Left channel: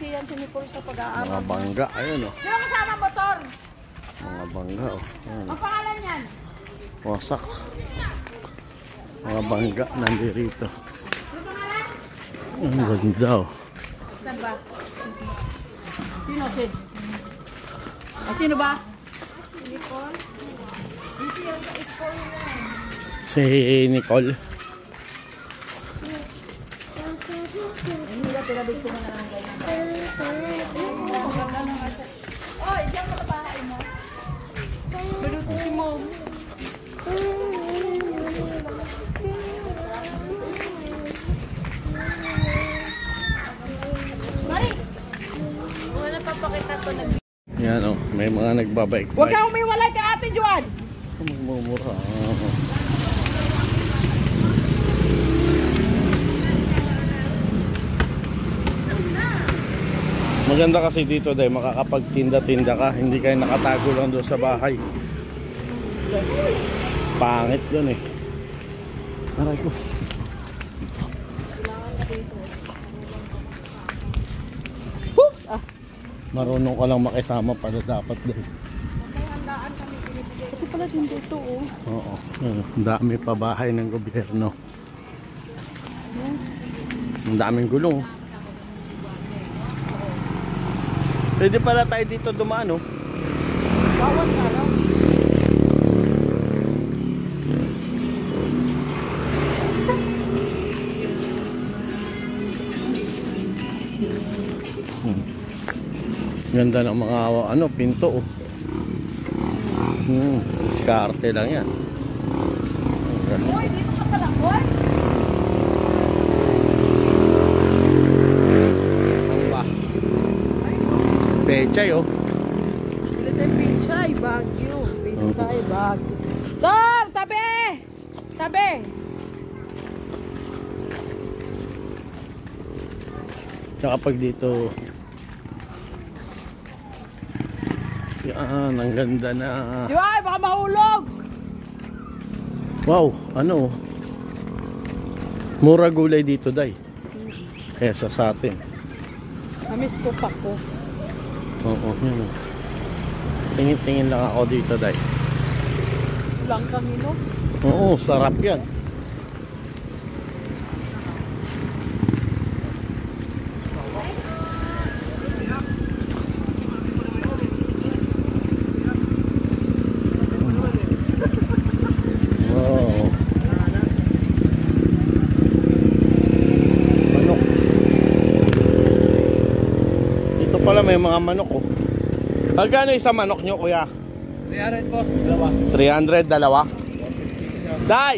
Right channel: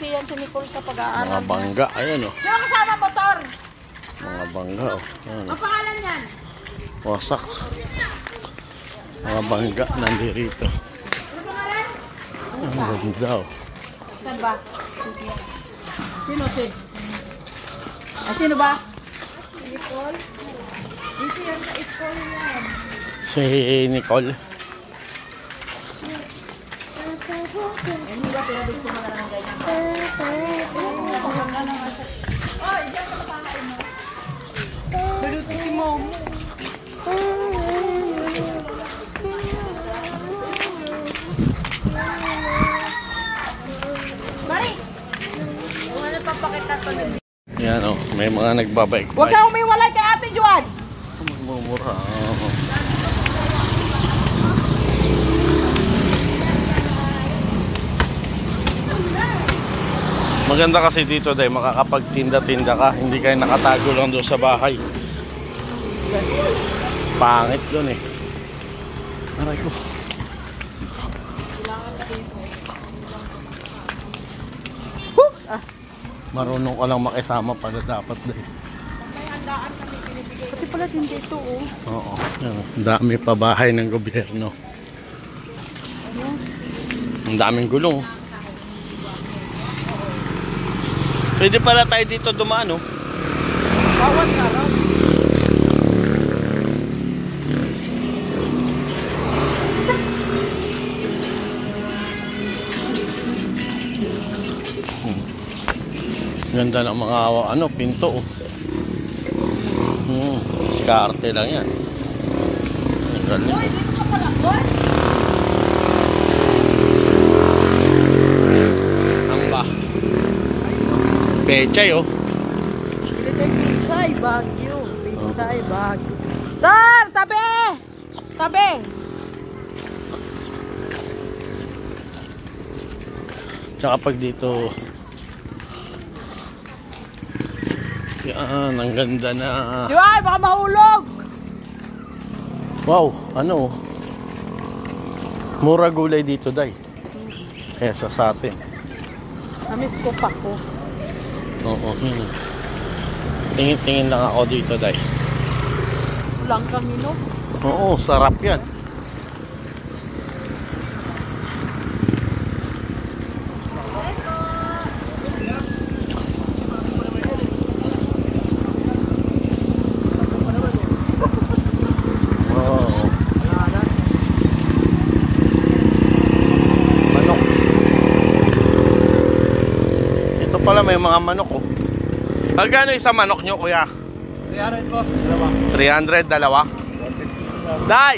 busy yan si Nicole sa pag-aaral. Mga bangga, ayun oh. Yung kasama motor. Mga bangga oh. Ayun, Ang pangalan yan? wasak. Mga bangga nandito. Ano pangalan? Ang ganda oh. Saan ba? Sino, Sid? Ay, sino ba? Nicole. Busy yan sa school yan. Si Nicole. Hindi ba pinabig ko na lang ganyan? Oy, diyan mo kapahain mo. Maluti si Mom. Mari! Kung ano papakita ko nag- Yan oh, may mga nagbabike. Huwag kang umiwalay kay Ate Juan! Magmumura. Maganda kasi dito dahil makakapagtinda-tinda ka. Hindi kayo nakatago lang doon sa bahay. Pangit doon eh. Aray ko. Marunong ka lang makisama pala dapat dahil. Pati pala din dito oh. Oo. Ang dami pa bahay ng gobyerno. Ang daming gulong. Pwede pala tayo dito dumaan oh. Bawat araw. Ganda ng mga ano, pinto oh. Diskarte lang yan. Ang ganda. Oy, dito ka pala, boy. Ang ba? Pechay oh. Dito yung Pinchay, Baguio. Pinchay, Baguio. Tar! Tabi! Tabi! Tsaka pag dito yan, ang ganda na. Di ba? Baka mahulog! Wow, ano mura gulay dito day. Kesa sa atin. Namiss ko pa ko. Oo. Tingin-tingin lang ako dito day. Lang kami no? Oo, sarap yan. Pala may mga manok oh. Magkano isang manok nyo kuya? 300 po, dalawa. 300, dalawa? Day!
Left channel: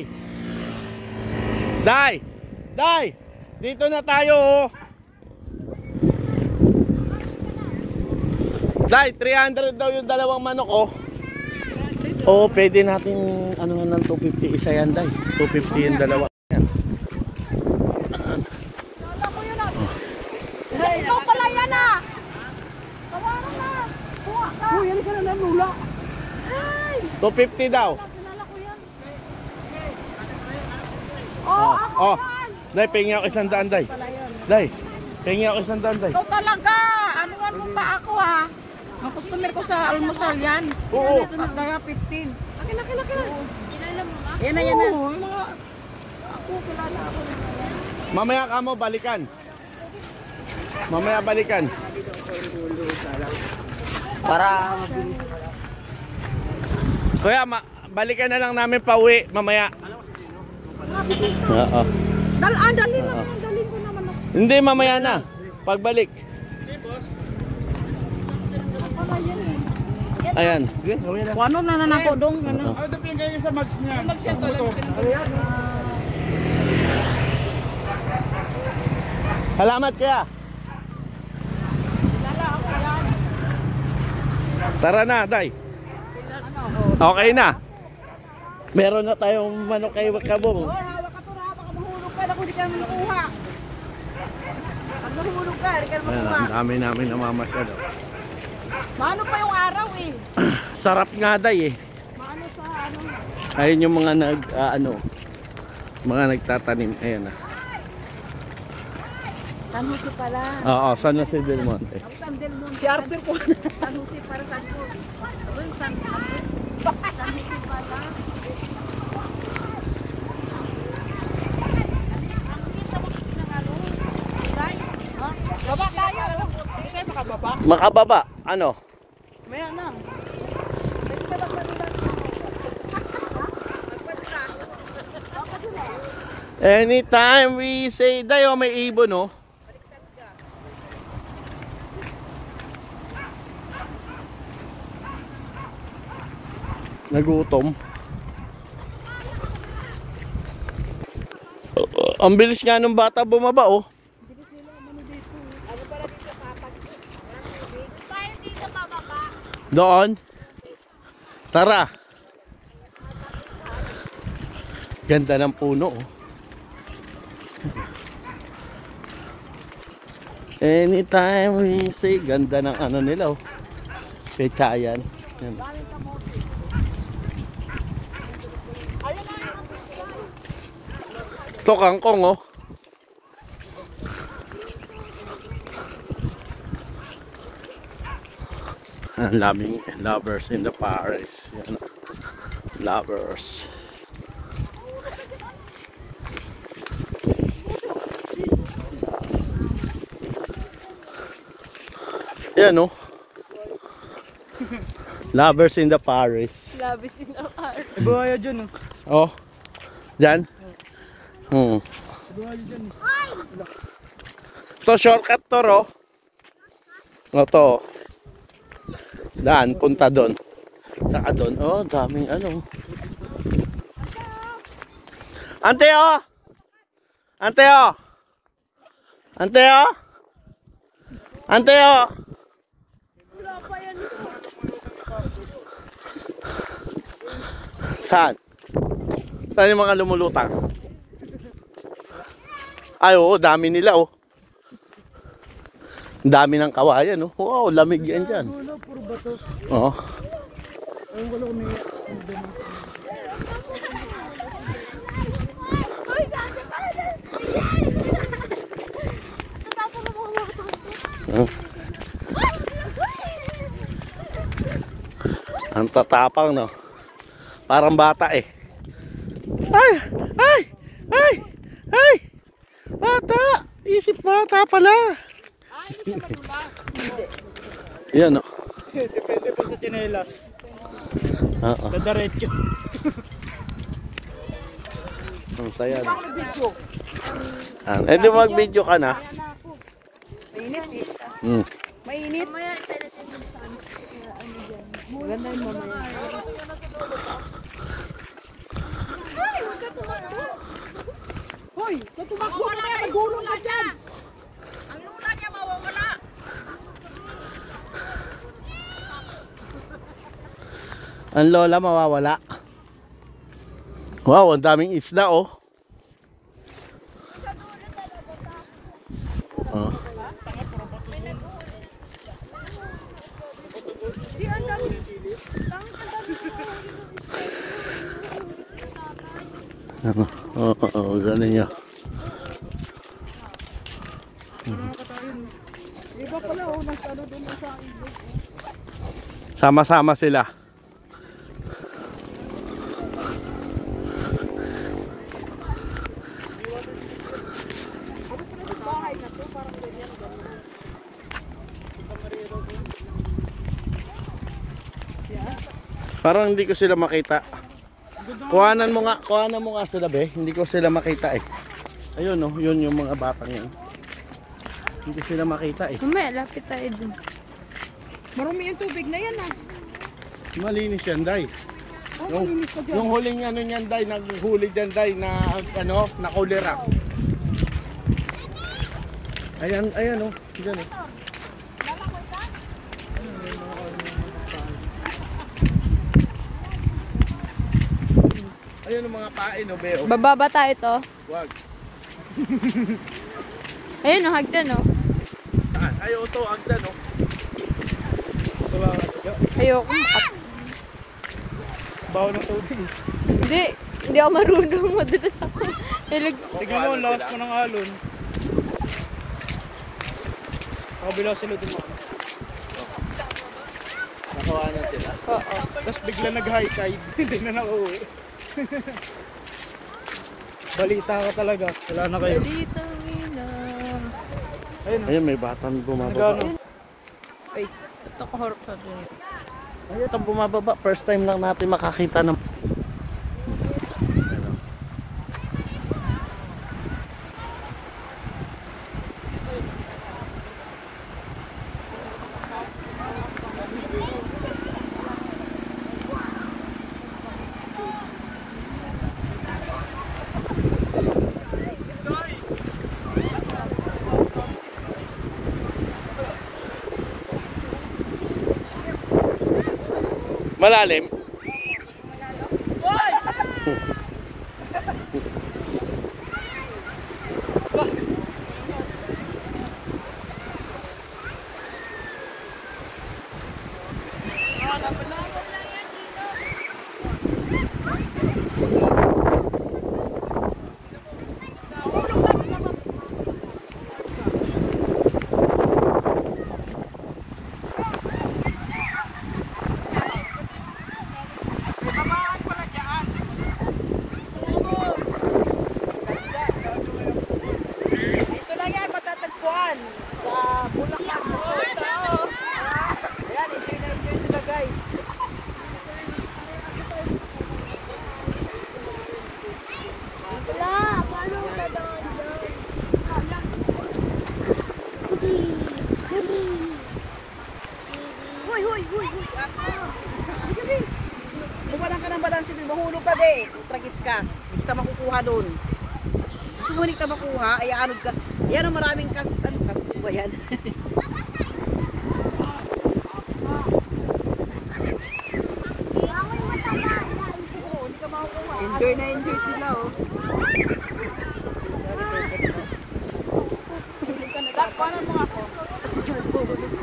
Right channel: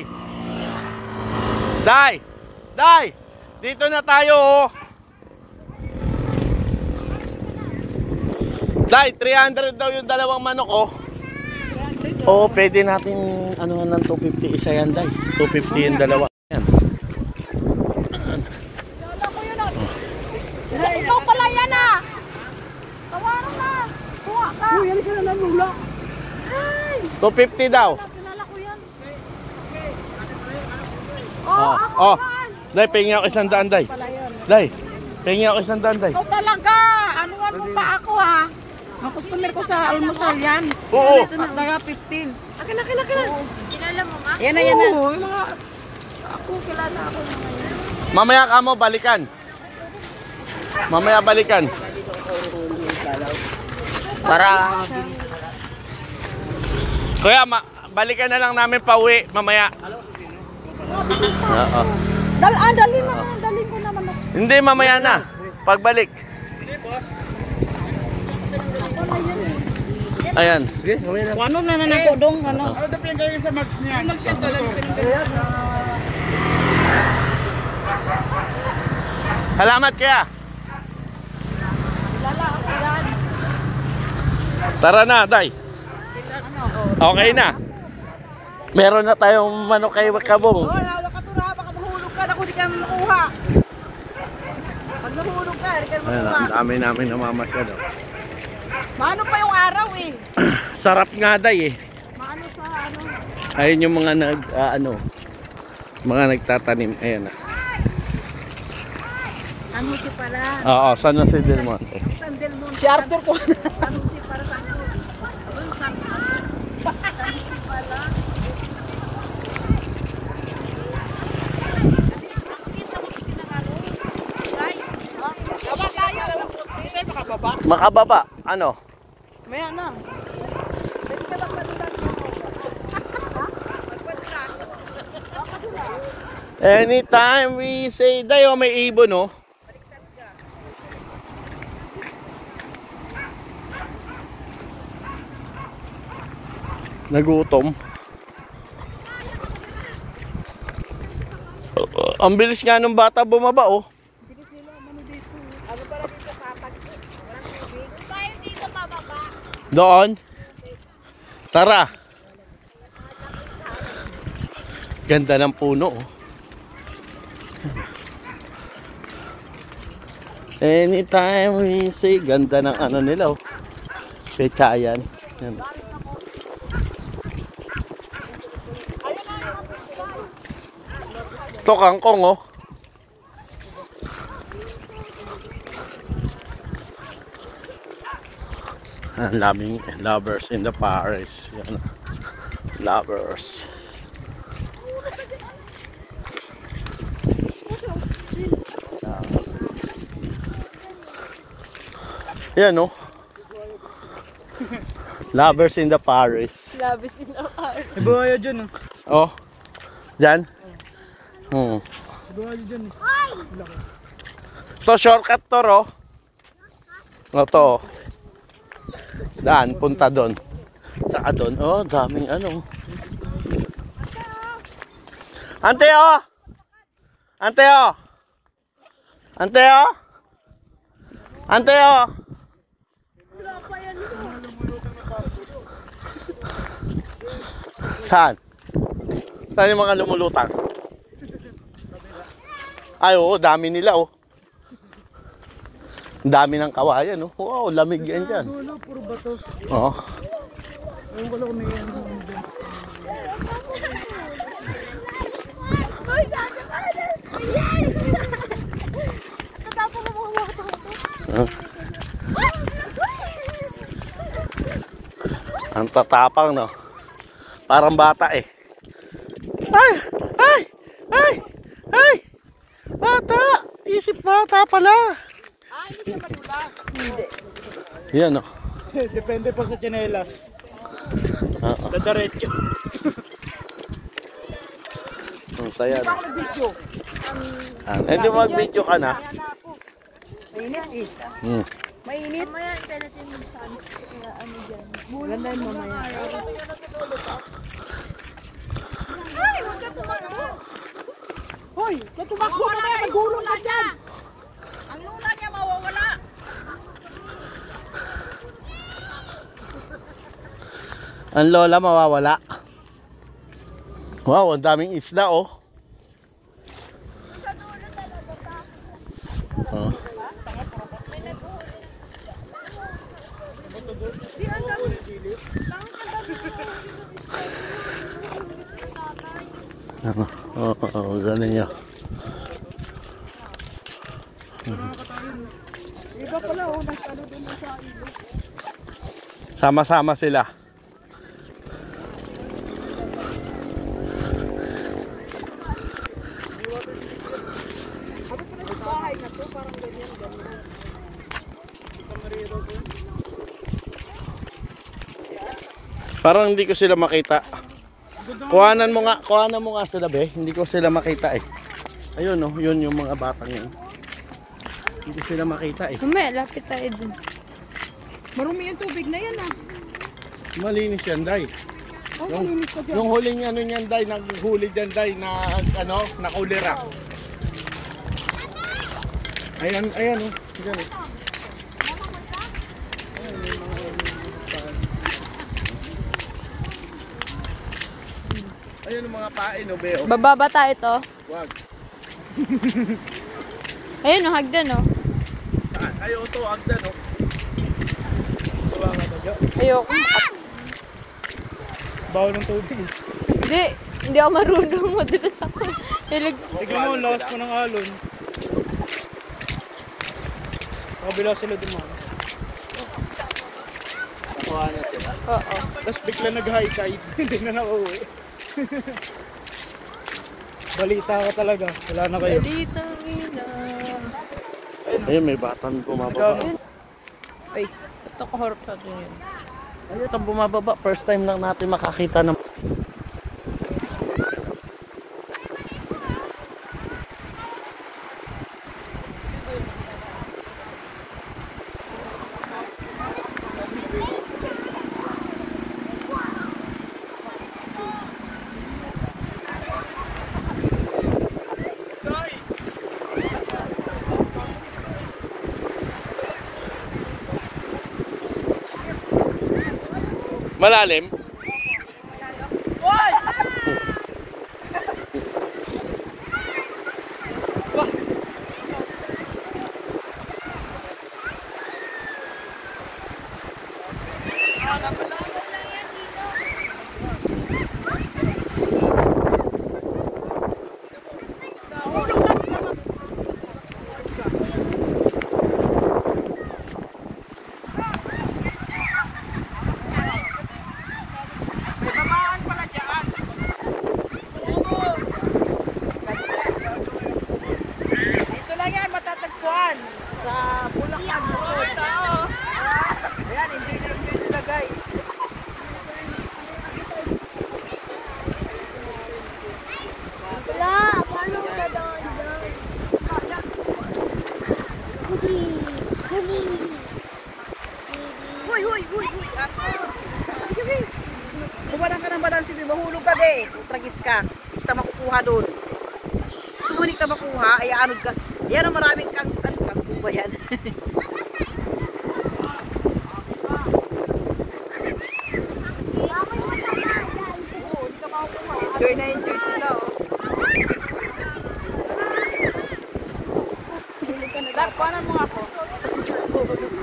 Day! Day! Dito na tayo oh. Day, 300 daw yung dalawang manok oh. Oo, pwede natin ano ng 250 isa yan day. 250 yung dalawa. Yan. Ikaw pala yan ah! Tawaran na! Kuha ka! Uy, yan ka na lang lula. 250 daw. Kilala ko yan. Oh, oh. Day, pengi ako 100 day. Day, pengi ako 100 day. Ikaw talaga! Anuan mo pa ako ha? Ang customer ko sa almusal yan. Oo. Daga 15. Akin. Kilala mo ma? Yan na. Oo, yung mga... Ako, kilala ako. Mamaya ka mo balikan. Mamaya balikan. Para Kuya, balikan na lang namin pauwi mamaya. Oo. Dalhin ko naman ako. Hindi, mamaya na. Pagbalik. Ayan. Ano na nanako dong? Ano? ano daw pinagaling sa mags niya? Salamat kaya. Kilala ako yan. Tara na, Day. Okay na. Meron na tayong manok kay Kabong. Hoy, hawak ka to na. Baka mahulog ka. Ako di ka makuha. Pag nahulog ka, di ka Ayan, makuha. ang dami namin namamasyal. Maano pa yung araw eh? Sarap nga, Day eh. Maano sa ano? Ayun yung mga mga nagtatanim. Ayan na. San Jose pala. Oo, San Jose del Monte. San Del Monte. Si Arthur po. San Jose para San Jose. Abang San Jose. San Jose pala. Nakikita mo kasi ng ano? Guy? Ha? Baba tayo. Hindi tayo makababa. Makababa, ano? Maya na. Pwede ka lang manilang mo. Ha? Magpadula. Anytime we say, dayo may ibon, no? Nagutom. Ang bilis nga nung bata bumaba, oh. Tayo dito bababa. Doon. Tara. Ganda ng puno, oh. Anytime we say, ganda ng ano nila, oh. Pechayan. Yan. Ito kangkong, oh. Ang daming lovers in the Paris. Yan. Lovers. Yan, oh. Lovers in the Paris. Labis in the park. Ibuhayo dyan. Oh. Diyan? Ibuhayo dyan. To shortcut to, ro. O to. Daan, punta doon. Saka doon. Oh, daming ano. Ante, oh. Ante, oh. Ante, oh. Ante, oh. Saan? Saan yung mga lumulutang? Ay, oo, dami nila, oh. Dami ng kawayan, oh. Wow, lamig yan dyan. Puro bato. Oo. Yung wala ko may Tatapos mo mga bata. Oh. Ang tatapang, no? Parang bata, eh. Ay! Ay! Ay! Ay! Bata! Isip bata pala. Yan, no? Depende po sa tsinelas. Oo. Dadaretso. Ang saya, no? Eh, di mag-video ka na. Mainit eh. Hmm. Mainit. Mamaya tayo natin yung sun. Ano dyan. Ganda yun mamaya. Ay, huwag ka tumakbo. Hoy, kaya tumakbo na kaya magulong ka dyan. Ang lula niya mawawala. Ang lola mawawala. Wow, ang daming isda, oh. Oh. Di, ang dami. Ang dami Oo, gano'n niya. Iba pala oh, nasa ano doon sa ibo. Sama-sama sila. Bahay na to, parang ganyan. Parang hindi ko sila makita. Kuhanan mo nga sila, be. Hindi ko sila makita, eh. Ayun, no, yun yung mga batang yun. Hindi ko sila makita, eh. Mamaya, lapit tayo dun. Marumi yung tubig na yan ah. Malinis yan, Day. Oh, malinis ka dyan. Yung huling ano niyan, Day, naghuli dyan, Day, na ano, na kulera. Ayan, ayan, oh. Diyan, oh. Ayan ang mga pain, oh, be, oh. Bababa tayo to. Wag. Ayun, oh, hagdan, oh. Saan? Ayaw to, agdan, oh. Ayoko. Baho ng tubig. Hindi ako marunong. Madalas ako. Tignan mo, lakas po ng alon. Sa kabila sila dumaan. Nakawanan sila. Oo. Tapos bigla nag-high tide. Hindi na nakauwi. Balita ka talaga. Wala na kayo. Dito na. Ayun, may batang bumababa. Ay, ito kahorap sa atin. Ayun, itong bumababa. First time lang natin makakita ng... Malalim? Dito lang yan, matatagpuan. Sa Bulacan. Ayan, enjoy sila guys. Huy, huy, huy, huy. Bumalang ka ng balansin, mahulog ka be. Tragis ka. Hindi ka makukuha doon. Sumunod ka makuha, ay anod ka. Ayan ang maraming kang, ano ba yan? Enjoy na enjoy sila oh. Paano mo ako?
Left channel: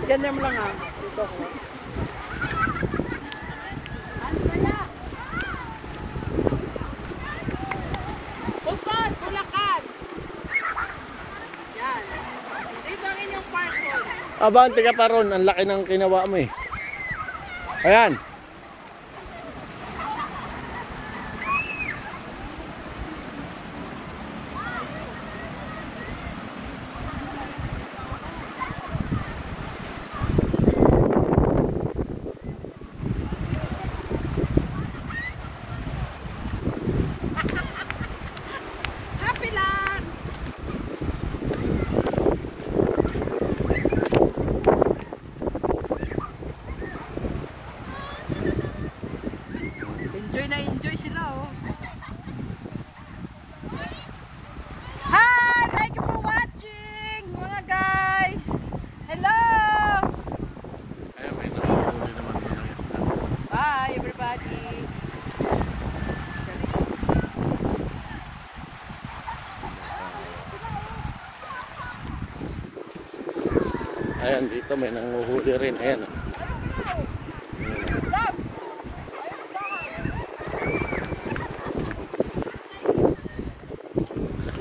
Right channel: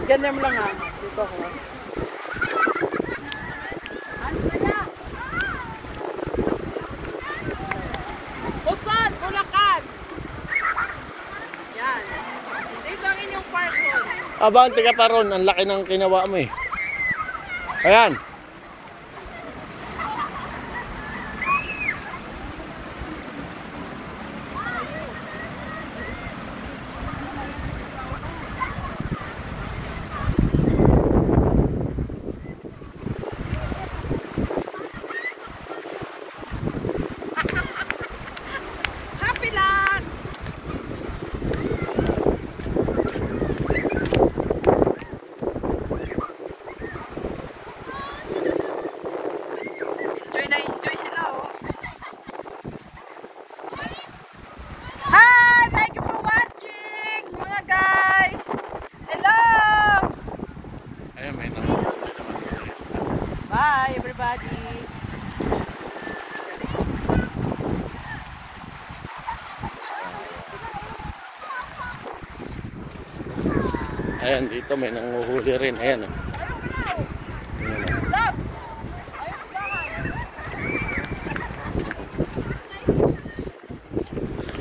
Ganyan mo lang ha. Dito ako. Pusan, Bulacan. Yan. Dito ang inyong park hall. Abante ka pa ron. Ang laki ng kinawa mo eh. Ayan. Happy lang. Enjoy na enjoy sila oh. Hi! Thank you for watching mga guys. Hello! Ayan, may nakakuli naman mga isda. Bye everybody. Ayan, dito may nanguhuli rin. Ayan. Ayan.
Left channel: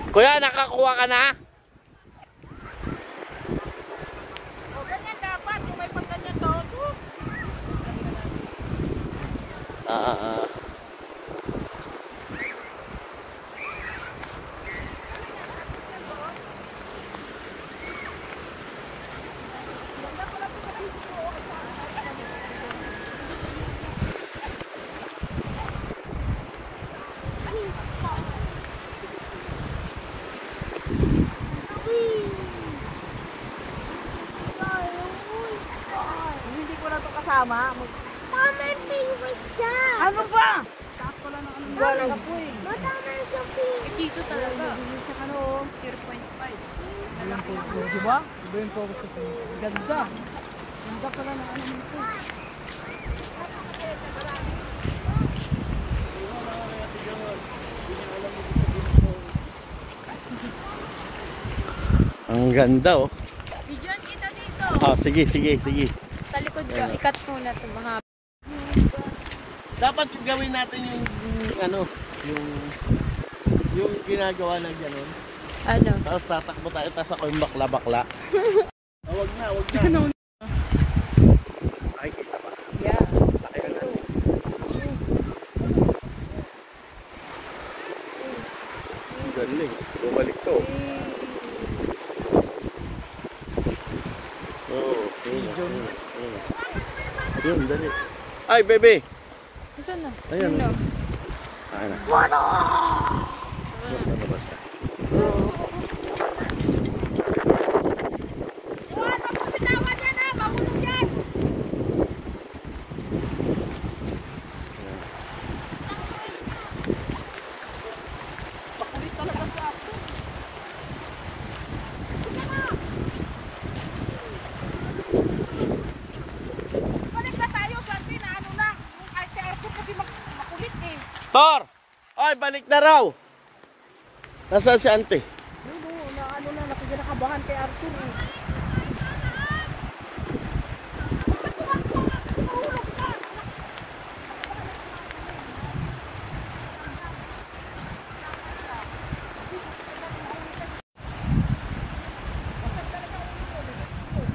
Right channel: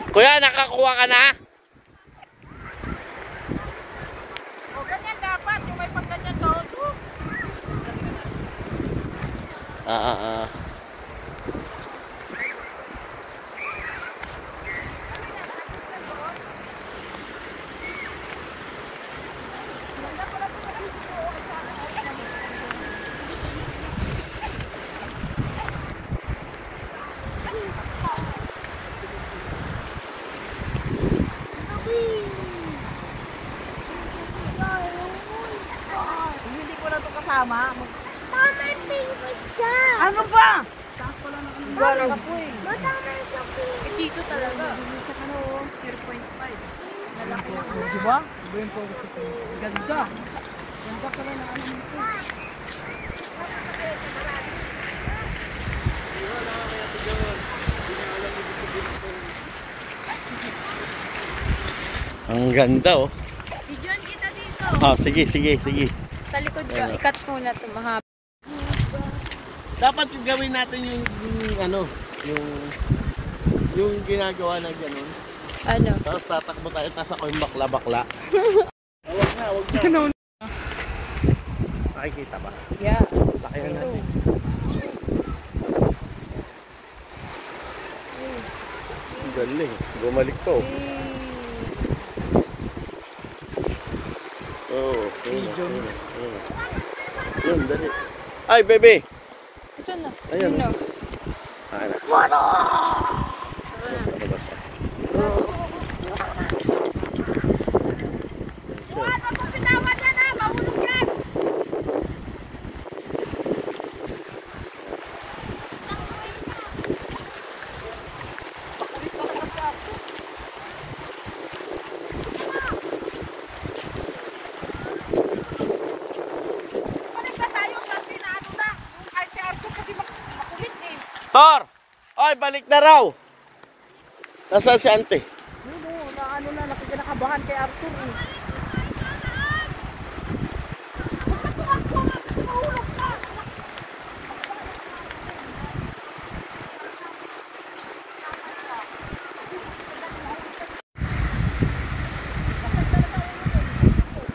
Kuya, nakakuha ka na? O ganyan dapat. Yung may pagganyan to. Ah. Hindi ko na to kasama. Ano ba? Wala na po eh. Dito talaga. Sa ano, 0.5. Di ba? Iba yung focus ito. Ganda. Ganda pala na ano nito. Ang ganda oh. Videoan kita dito. Ah, sige. Sa likod ka, ikat muna ito mga. Dapat yung gawin natin yung ano, yung ginagawa na gano'n. Ano? Tapos tatakbo tayo, tapos ako yung bakla-bakla. Huwag na, Huwag na. Nakikita ba? Yeah. Laki na natin. Ang galing. Bumalik to. Oo. Yun, dali. Ay, bebe! Gusto na. Ayun. Ayun na. Ano? Basta. Tor! Oy, balik na raw! Nasaan si ante? Nakakabahan kay Arthur eh.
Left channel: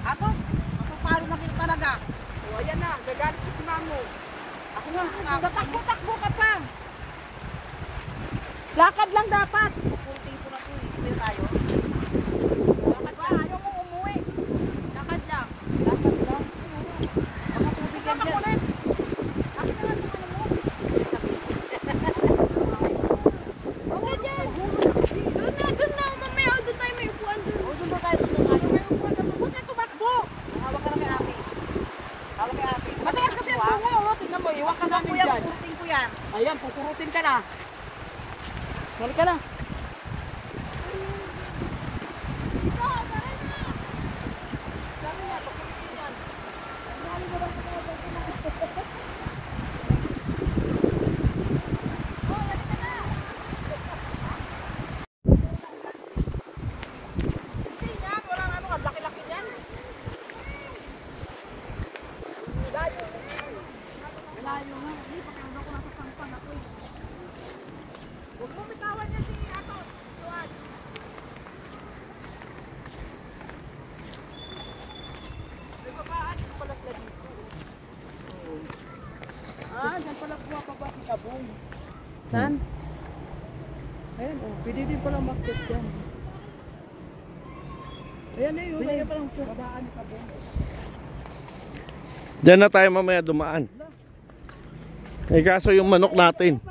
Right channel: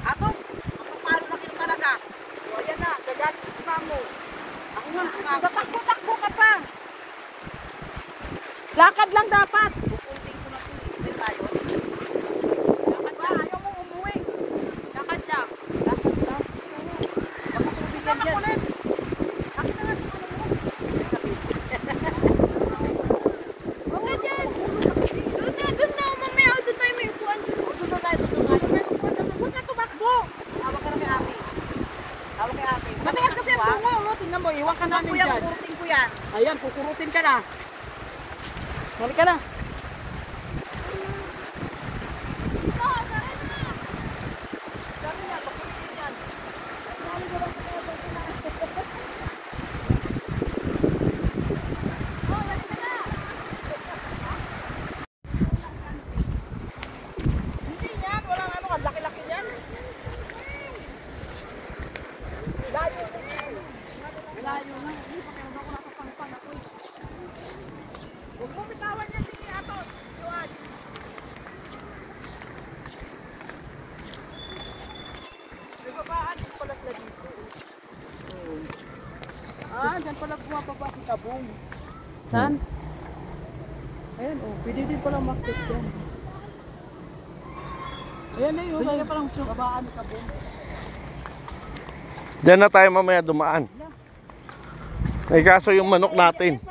Ako paano makita talaga? O, ayan na, gagalit ko si Mamo. Ako nga, tatakbo ka pa. Lakad lang dapat. Pupunting ko na po tayo. Lakad ba? Ayaw mo umuwi. Lakad lang. Lakad lang. Baka tubig lang dyan. Lakad na lang. Huwag na dyan. Doon na. Mamaya doon tayo may upuan doon. Doon na tayo. Huwag na tumakbo. Hawak ka na kay ate. Hawak kay ate. Matigas kasi ang bunga, oh. Tingnan mo, iwan ka namin Kuya, dyan. pupurutin ko yan. Ayan, kukurutin ka na. Balik ka na. Ah, dyan pala bumababa si Sabong. Saan? Ayan, oh. Pwede din palang market yan. Ayan na yun. Kaya palang babaan ni Sabong. Diyan na tayo mamaya dumaan. Ay kaso yung manok natin.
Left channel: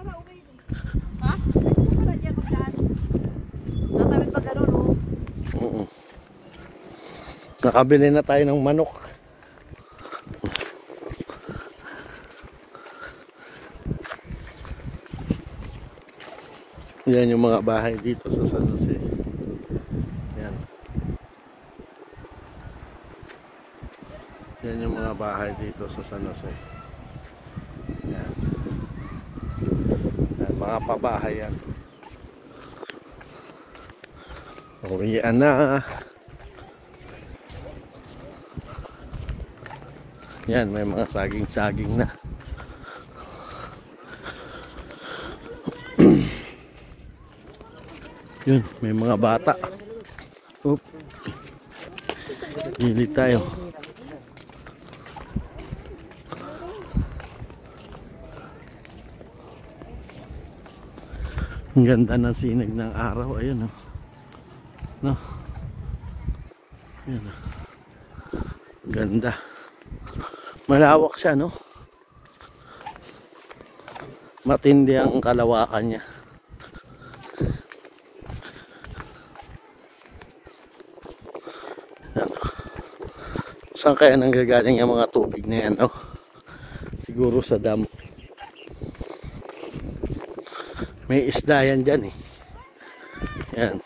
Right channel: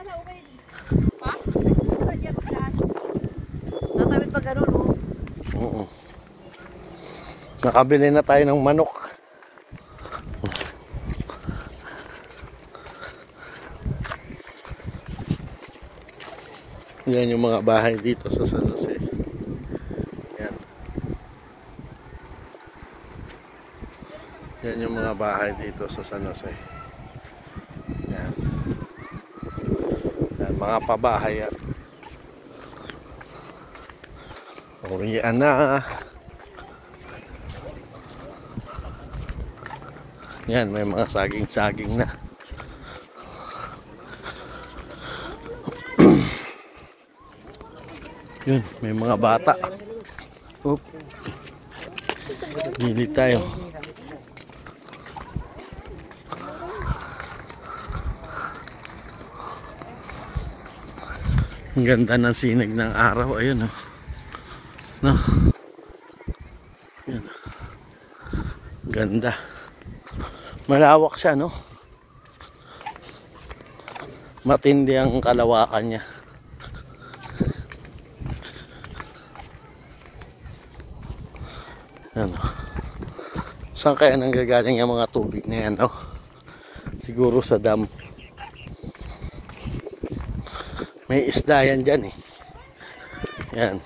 Nakawit pa gano'n, oh. Oo. Nakabili na tayo ng manok. Yan yung mga bahay dito sa San Jose. Yan. Yan yung mga bahay dito sa San Jose. Yan. Yan, mga pabahay yan. Uwian na. Yan, may mga saging-saging na. Yun, may mga bata. Oop. Hindi tayo. Ang ganda ng sinag ng araw. Ayun, oh. No. Yan, oh. Ganda. Malawak siya, no? Matindi ang kalawakan niya. Ano? Saan kaya nanggagaling yung mga tubig na yan? Oh? Siguro sa dam. May isda yan dyan eh. Yan.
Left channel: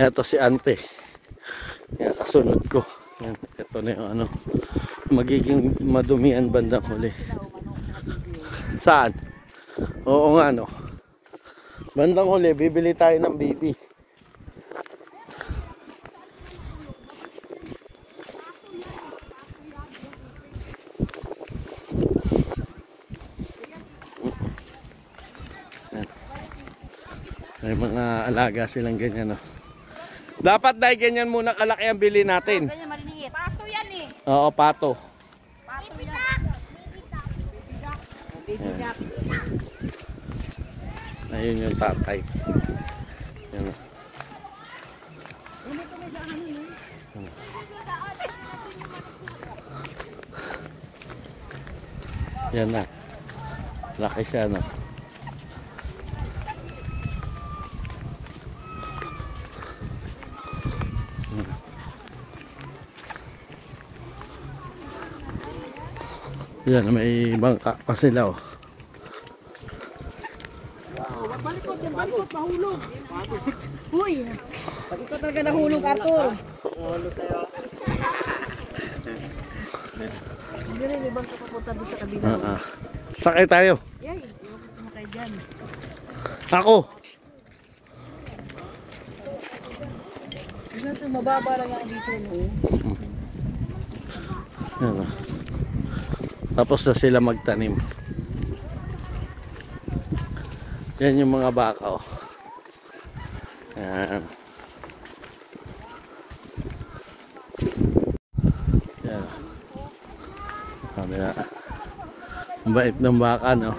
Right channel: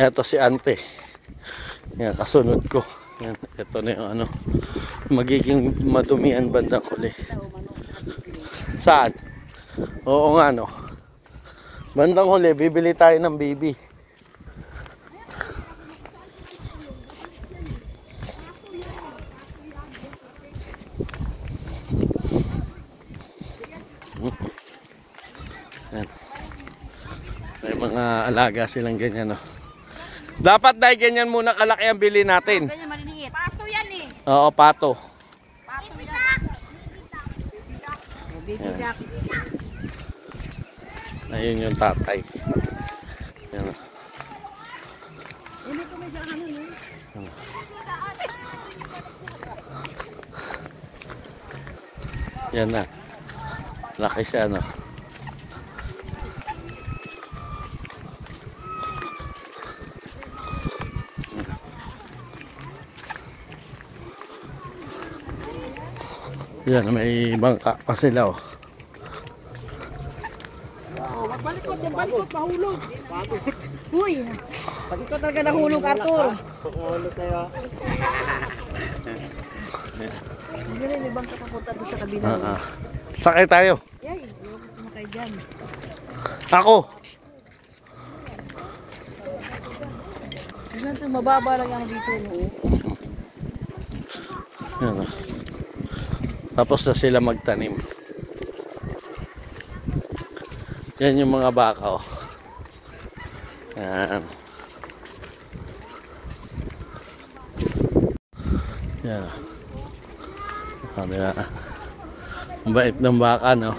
Ito si ante. Yan, kasunod ko. Yan. Ito na yung ano. Magiging madumian bandang huli. Saan? Oo nga no. Bandang huli, bibili tayo ng bibi. May mga alaga silang ganyan, no? Dapat dahil ganyan muna kalaki ang bili natin. Ganyan maliliit. Oo, pato. Baby duck. Ayun yung tatay. Yan. Yan na. Laki siya, no? Yan, may bangka pa sila, oh. Balikot, mahulog. Uy, pag ikaw talaga nahulog, Arthur. Hindi rin, may bangka papunta doon sa kabila. Sakay tayo. Yay, ayaw ko sumakay dyan. Ako. Kasi ito, mababa lang yan dito, no? Yan, oh. Tapos na sila magtanim. Yan yung mga baka, oh. Yan. Yan. Sabi na. Ang bait ng baka, no?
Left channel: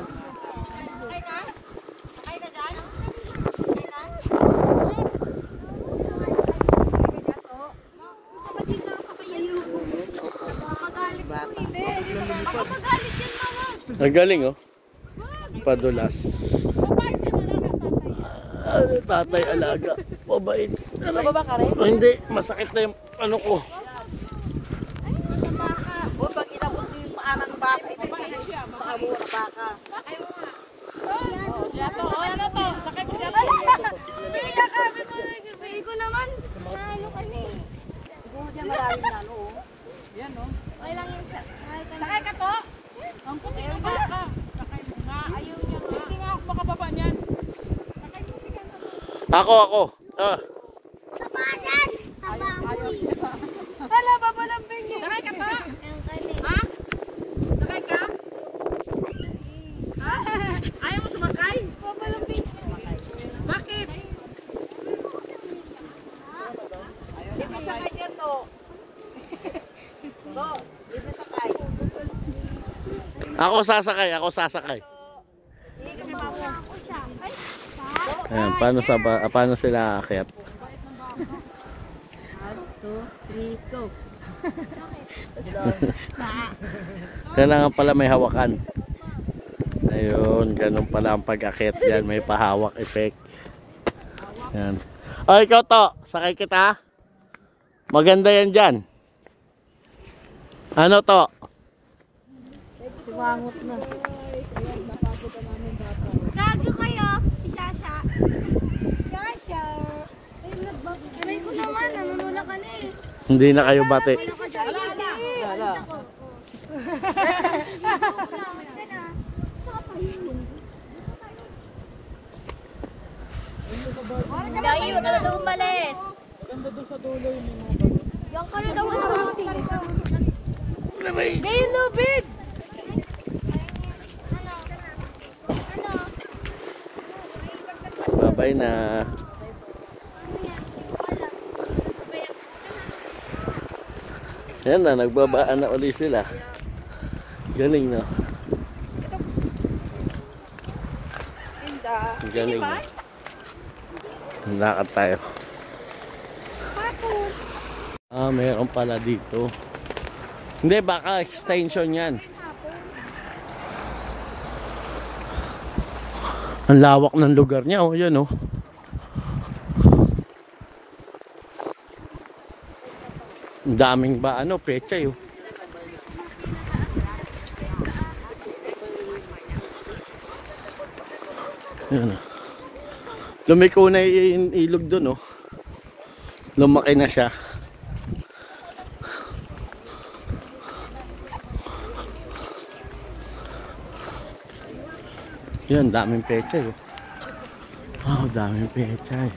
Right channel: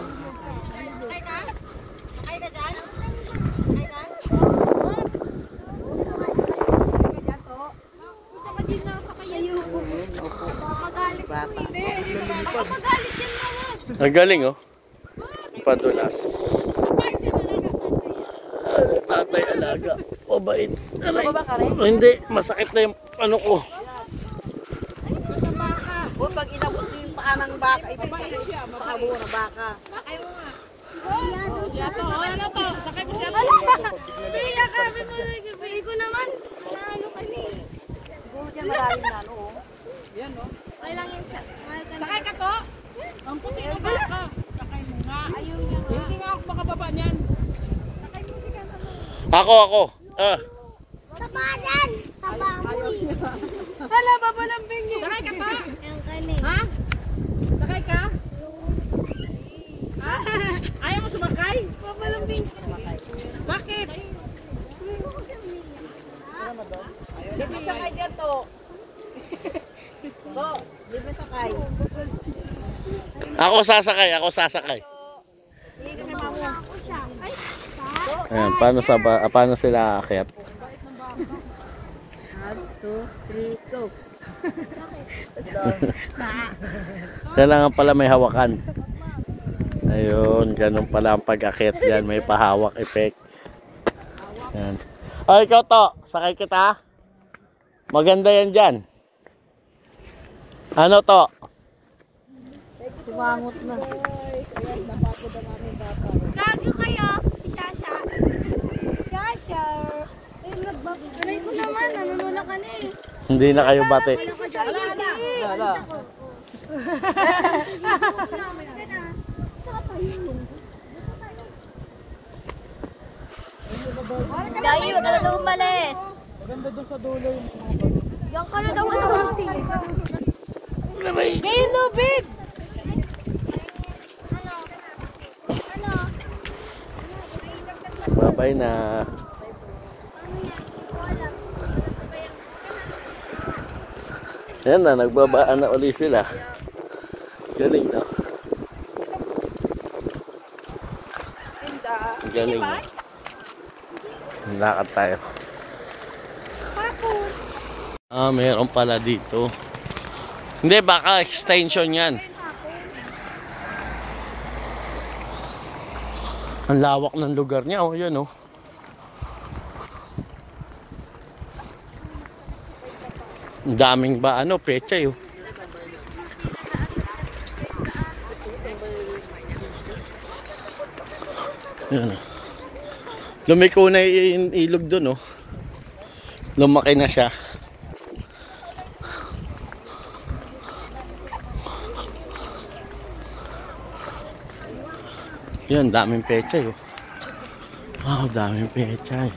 Ang galing, oh. Padulas. Tatay alaga. Mabait. Bababa ka rin? Hindi, masakit na yung ano ko. O, pag inabot yung paa ng baka, ibig sabihin siya, makabo ng baka. Ano to? Sakay ko siya. Kaya kami mo nagpipili ko naman. Ano kami? Siguro dyan maraming na, no? Yan no? Okay lang yun siya. Sakay ka to? Ang puti ng baka. Sakay mo nga. Ayun niya. Hindi nga ako makababa niyan. Ako. Ah. Taba dyan! Taba mo. Wala ba ba ng bingi? Sakay ka pa? Ha? Sakay ka? Ha? Ayaw mo sumakay? Papalambing. Bakit? Dito sakay dyan to. To, dito sakay. Ako sasakay. Ayan, paano sila aakyat? 1, 2, 3, go. Kailangan pala may hawakan. Ayun, ganun pala ang pag-akyat dyan. May pahawak effect. Ayan. O, ikaw to. Sakay kita. Maganda yan dyan. Ano to? Sumangot na. Gago kayo. Si Shasha. Shasha. Ay, nagbabalay ko naman. Nanunula ka na eh. Hindi na kayo bate. Wala ka sa lala. Lala. Dahil wag ka na daw umalis. Maganda doon sa dulo yung mga Diyan ka na daw matulog. Dahil lubid. Bye-bye na. Yan na, nagbabaan na uli sila. Galing na. Galing na. Lakad tayo. Meron pala dito. Hindi, baka extension yan. Ang lawak ng lugar niya, oh, yan, oh. Ang daming ba, pechay, oh. Yan, oh. Lumiko na yung ilog dun, oh. Lumaki na siya. Yan, daming pechay, oh. Wow, daming pechay.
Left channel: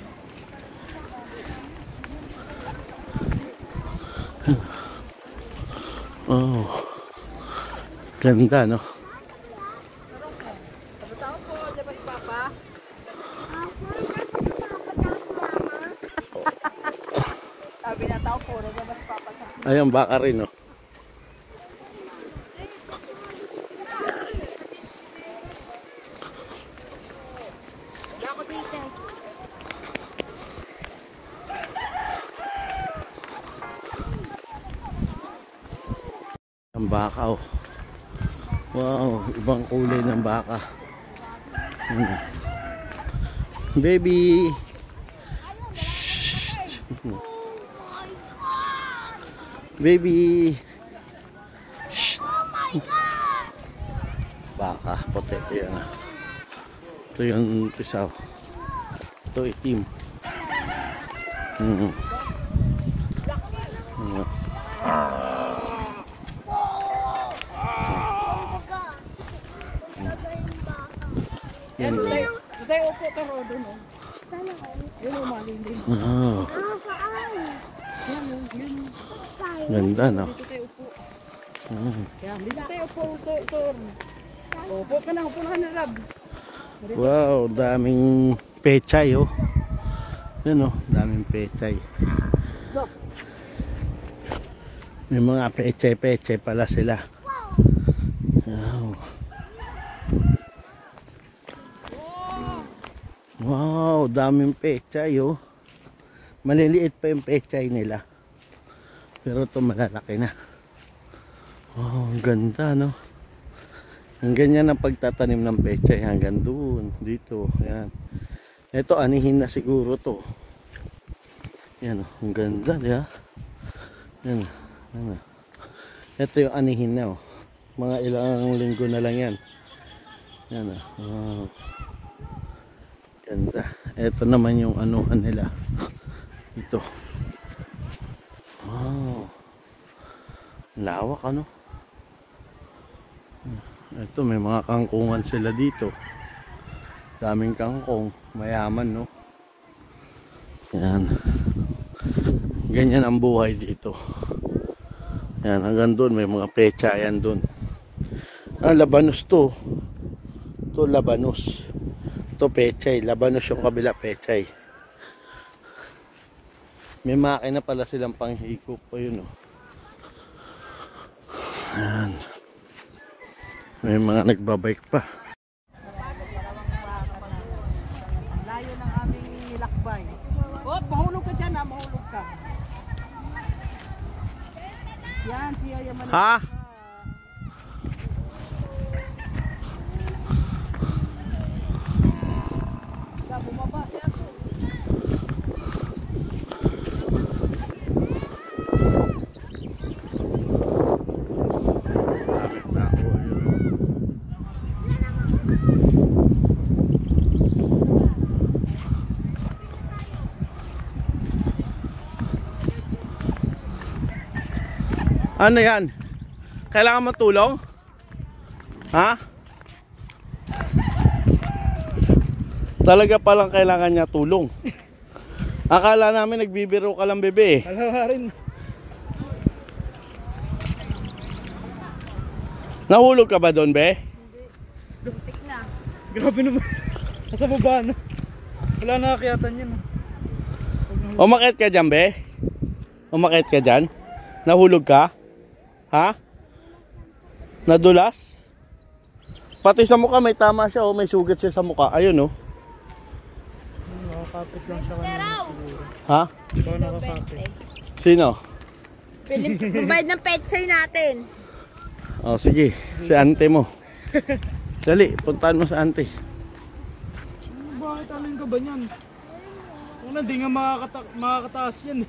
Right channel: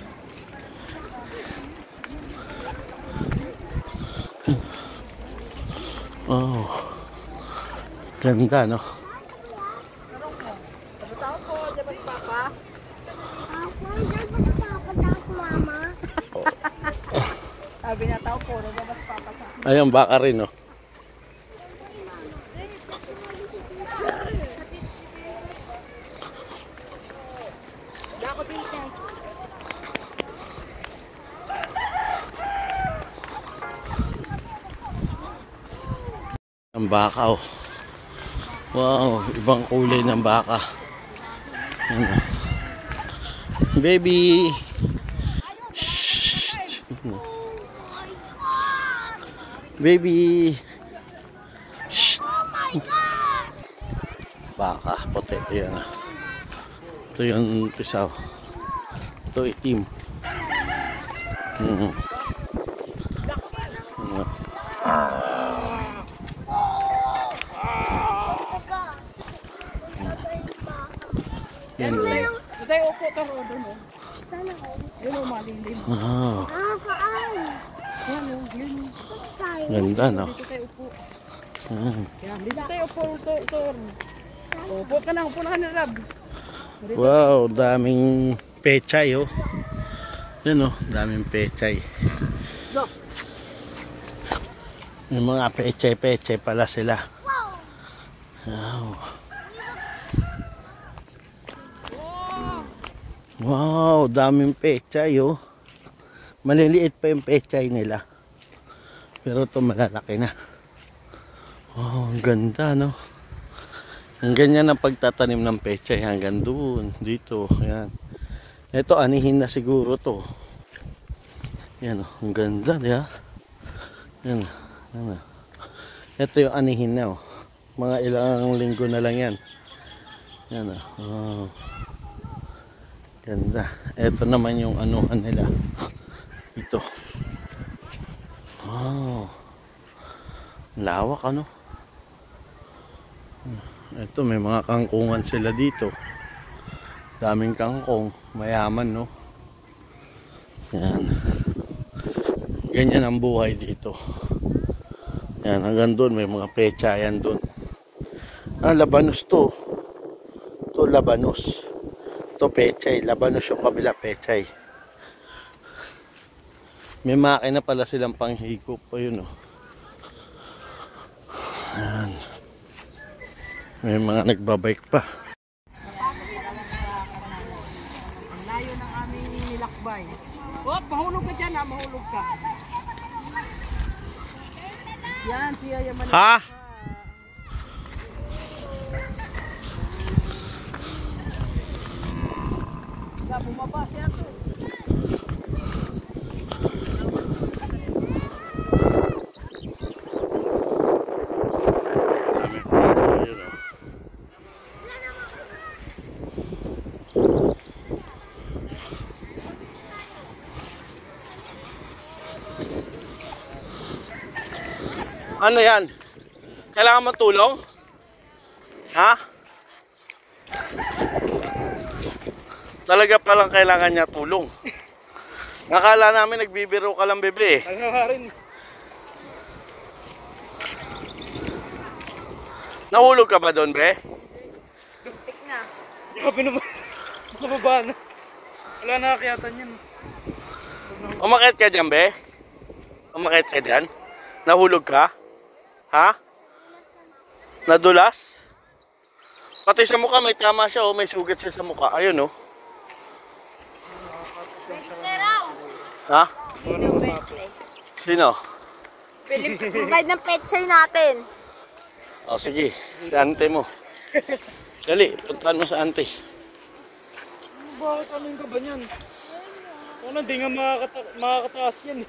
Oh. Ganda, no? Sabi na tao po, nagabas papa sa. Ayun, baka rin, oh. Ang baka oh. Wow, ibang kulay ng baka. Ano? Baby. Baby. Baka, puti ito yan. Ito yung pisaw. Ito itim. Yan, tayo upo ka ro doon. Yan o, malilim. Yan o, yan o. Ganda, no? Dito tayo upo. Yan, dito tayo upo. Upo ka na ni Rab. Wow, daming pechay, oh. Yan, oh, daming pechay. May mga pechay pala sila. Wow. Wow, daming pechay, oh. Maliliit pa yung pechay nila. Pero ito malalaki na. Wow, ang ganda, no? Ang ganyan ang pagtatanim ng pechay hanggang doon, dito. Ayan. Ito, anihin na siguro to. Yan, oh, ang ganda, di ba? Yan, yan. Ito yung anihin na, oh. Mga ilang linggo na lang yan. Yan, oh. Wow. Ganda. Ito naman yung anuhan nila. Ito. Wow. Lawak, ano? Ito, may mga kangkungan sila dito. Daming kangkong. Mayaman, no? Yan. Ganyan ang buhay dito. Yan, hanggang doon may mga pecha. Yan doon. Ah, labanos to. Ito, labanos. Ito, pechay. Labanos yung kabila, pechay. May makina pala silang panghikop pa yun, oh. Yan. May mga nagbabike pa. Ang layo ng aming nilakbay. Oh, mahulog ka dyan ha, mahulog ka. Yan, siya yaman. Ha? Bumaba siya to. Ano yan? Kailangan mo tulong? Ha? Talaga palang kailangan niya tulong. Akala namin nagbibiro ka lang, bebe. Alaharin. Nahulog ka ba doon, be? Bintik na. Grabe naman. Nasa baba, no? Wala nakakiyatan yan. Umakit ka dyan, be? Umakit ka dyan? Nahulog ka? Ha? Nadulas? Pati sa mukha may tama siya, oh. May sugat siya sa mukha. Ayun, oh. Nakakapot lang sa kanya. Ha? Sino? Provide ng pechay natin. Oh, sige. Si ante mo. Dali, puntahan mo sa ante. Bakit alin ka ba niyan? Ano, di nga makakataas yan eh.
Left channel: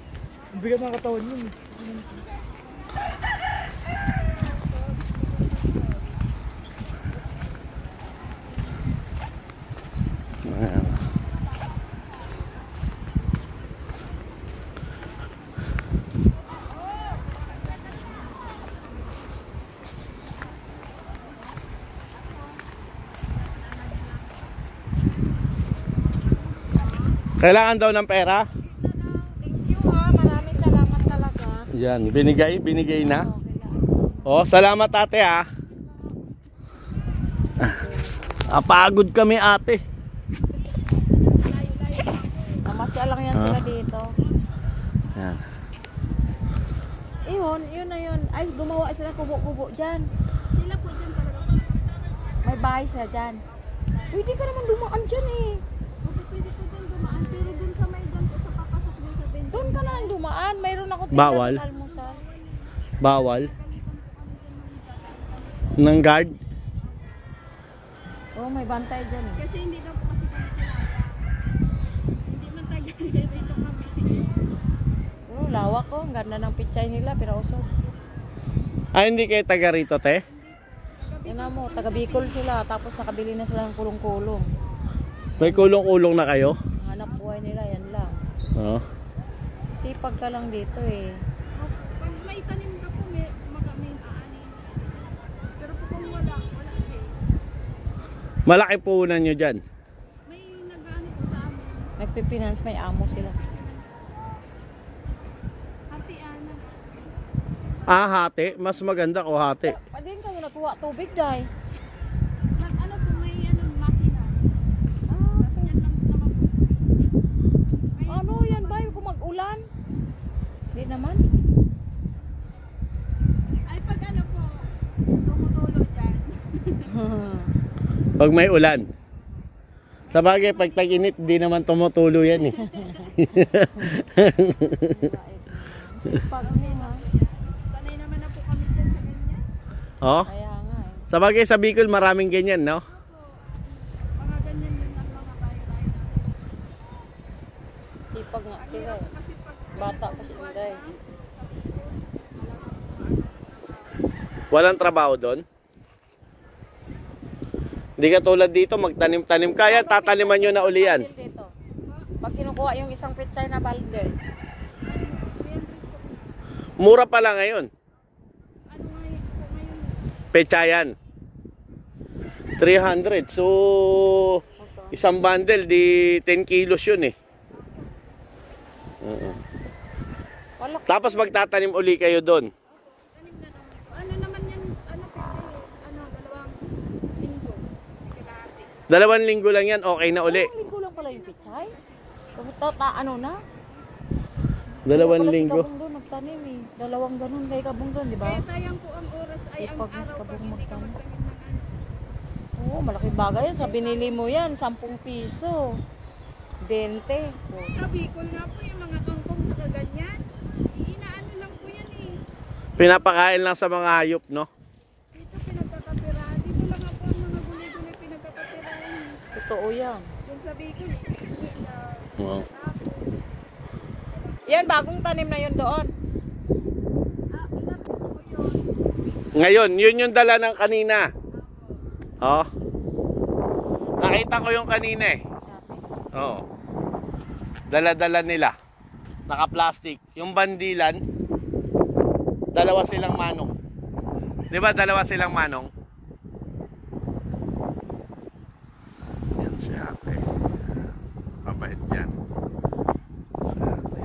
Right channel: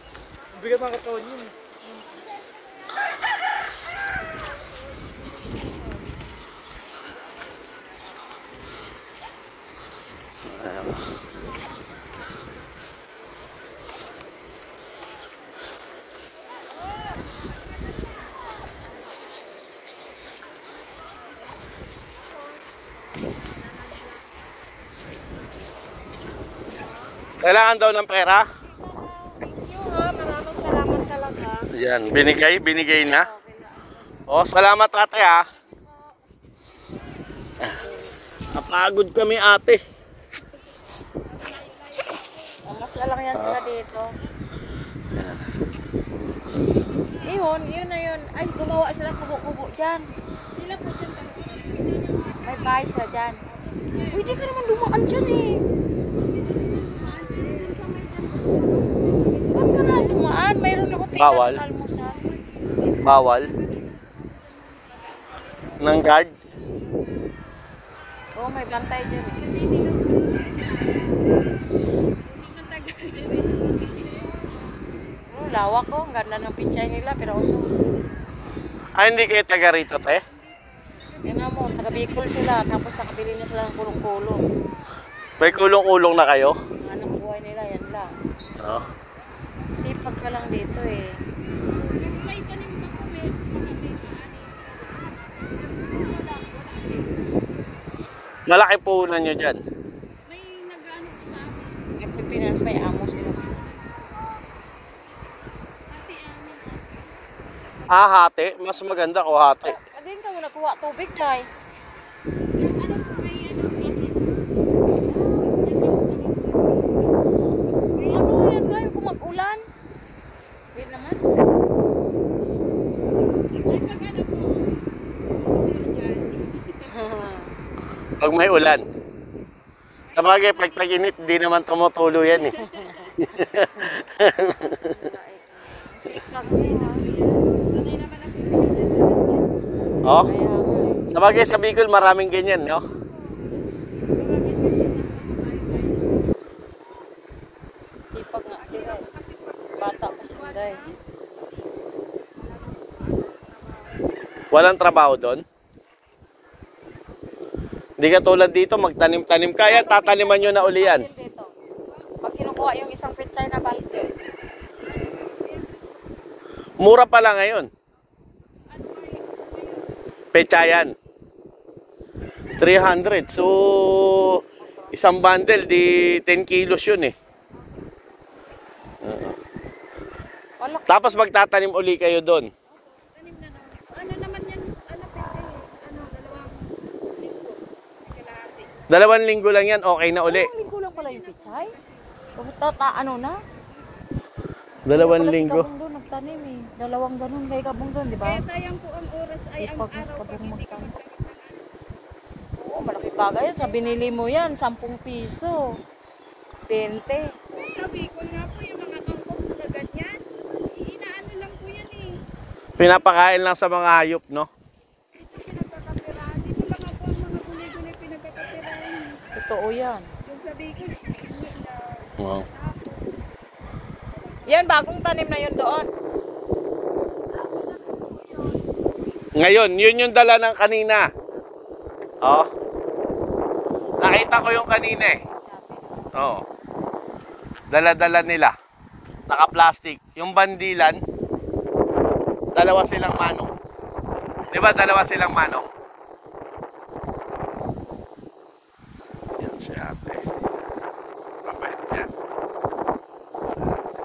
Ang bigat ng katawan yun eh. Kailangan daw ng pera? Thank you ha. Maraming salamat talaga. Yan, binigay na. Oh, salamat ate ha. Napagod kami ate. Kamasya lang yan sila dito. Yan. Yun na yun. Ay, gumawa sila kubo-kubo dyan. Sila po dyan. May bahay sila dyan. Uy, di ka naman dumaan dyan eh. Doon ka na dumaan. Mayroon ako tingnan Bawal? ng almusal. Bawal. Ng guard? Oo, may bantay dyan eh. Kasi hindi man tagal. Oo, lawak ko. Ang ganda ng pichay nila, pero usok. Ah, hindi kayo taga rito, te? Yan mo, taga Bicol sila. Tapos nakabili na sila ng kulong-kulong. May kulong-kulong na kayo? Ang anak buhay nila, yan lang. Oo. Sipag ka lang dito eh. May tanim ba po? May Malaki puhunan nyo dyan. may nag-ano po sa amin. Nagpipinance, may amo sila. Pati ano. Ah, hati? Mas maganda ko hati. Pwede ka mo nakuha tubig, Jai. Ano po may ano pati. Ano yan ba? Kung mag-ulan? Hindi naman. Ay pag ano po. Tulog dyan. Pag may ulan. Sa bagay, pag tag-init, di naman tumutulo yan eh. Sipag niya. Sanay naman ako. Oh? Kaya nga eh. Sa bagay, sa Bicol, maraming ganyan, no? Sipag nga sila eh. Bata pa sila eh. Walang trabaho doon. Hindi ka tulad dito, magtanim-tanim ka. Yan, tataniman nyo na uli yan. Dito. Pag kinukuha yung isang pichay na balde. Mura pala ngayon. Pechayan. 300. So, isang bundle, di 10 kilos yun eh. Oo. Wala. Tapos magtatanim uli kayo doon. Ano naman yan? Ano picture? Ano? 2 linggo. 2 linggo lang yan, okay na uli. Ilang linggo lang pala yung pichay? Ano na? 2 linggo. Si Kabong doon nagtanim eh. 2 ganun kay Kabong doon, di ba? Kaya sayang po ang oras ay ang Sipag mas araw. Kabong magtanim. Oo, malaking bagay yan. Sa binili mo yan, 10 piso. 20. Sabi ko nga po yung mga tungkol na ganyan. Inaano lang po yan eh. Pinapakain lang sa mga hayop, no? Dito pinagkakapirahan. Dito lang ako ang mga gulay-gulay pinagkakapirahan. Totoo yan. Yung sabi ko, Oo. Yan, bagong tanim na yun doon. Ngayon, yun yung dala ng kanina. Oh. Nakita ko yung kanina eh. Oo. Dala-dala nila. Naka-plastic. Yung bandilan, 2 silang manong. 'Di ba 2 silang manong? Yan si ate. Mabait yan. Si ate.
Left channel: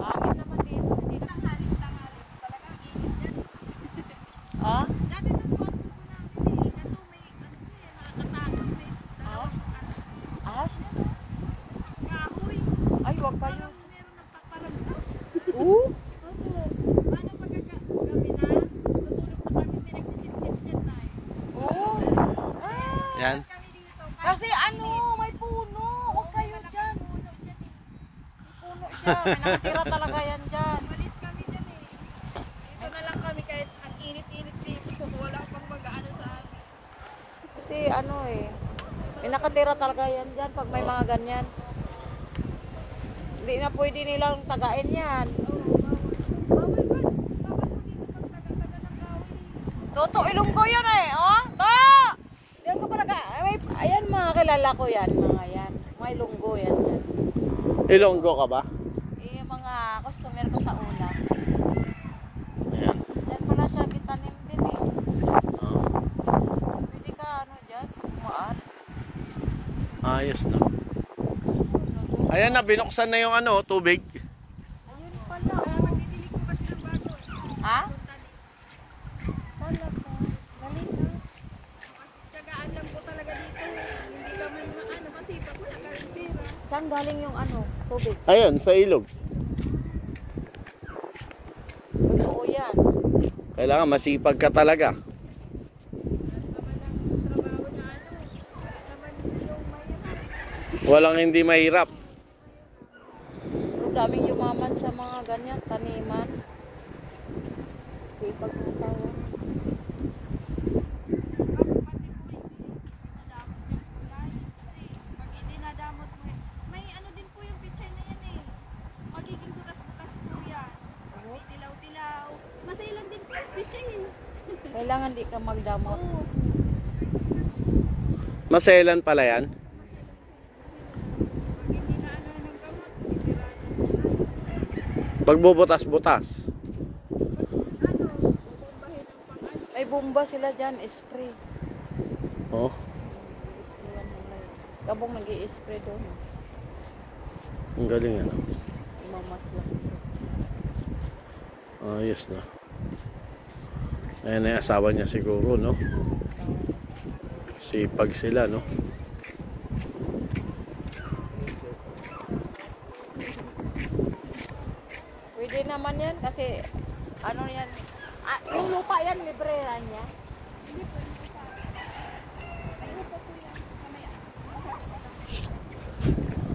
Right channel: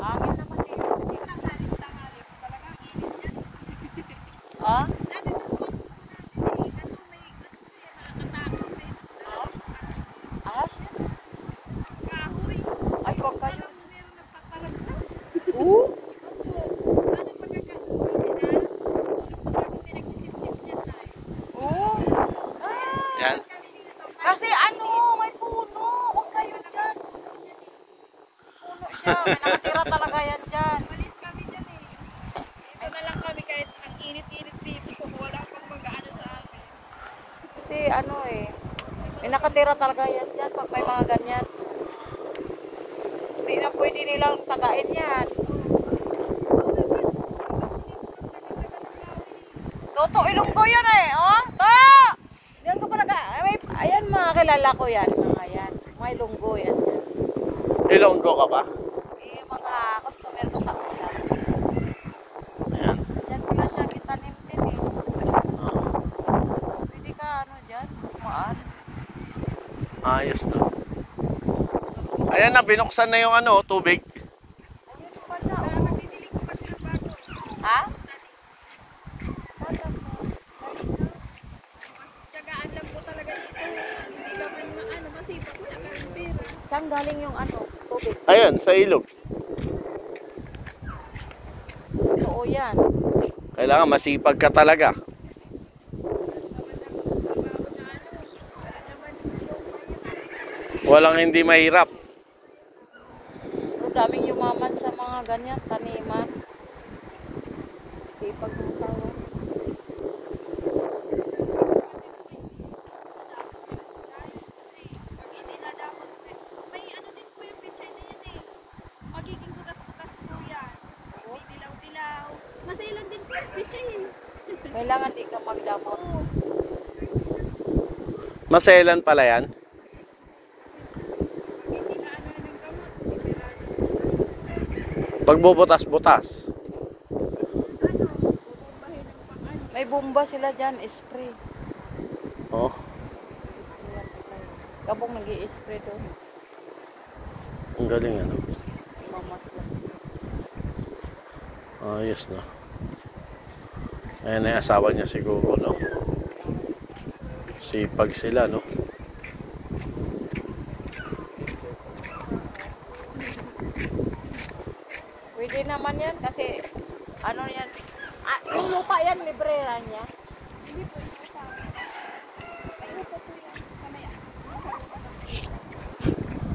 Hangin naman dito. Oh? As? As? Ay, wag kayo. Oo. Yan. Kasi ano, may puno. Huwag kayo dyan. Puno siya. May nakatira talaga yan dyan. malis kami dyan eh. Dito na lang kami kahit ang init-init dito. Kung wala pang mag-ano sa amin. Kasi ano eh. May nakatira talaga yan dyan pag may mga ganyan. Hindi na pwede nilang tagain yan. Toto, Ilonggo yan eh. Oh? To! Diyan ka pa ayan mga kilala ko yan. Mga yan. Mga Ilonggo yan. Ilonggo ka ba? Yung mga customer ko sa ulan. Ayan. Diyan pala siya kitanim din eh. Pwede ka ano dyan? Kumaan. Ayos na. Ayan na, binuksan na yung ano, tubig. Ayun pala. Oh. Ha? Wala po. Balik na. Tsagaan lang po talaga dito. Hindi kami mga ano, masipag po kami pera. Saan galing yung ano, tubig? Ayan, sa ilog. Oo yan. Kailangan masipag ka talaga. Walang hindi mahirap. Ang daming yumaman sa mga ganyan, taniman. Sipag ng tao. Kailangan di ka magdamot. Maselan pala yan. Pagbubutas-butas. May bomba sila dyan, spray. Oh. Kabong nag-i-spray doon. Ang galing ano. Mamaslas. Ayos na. Ayan na yung asawa niya siguro, no? Sipag sila, no? Pwede naman yan kasi ano yan. Ah, yung lupa yan, librera niya.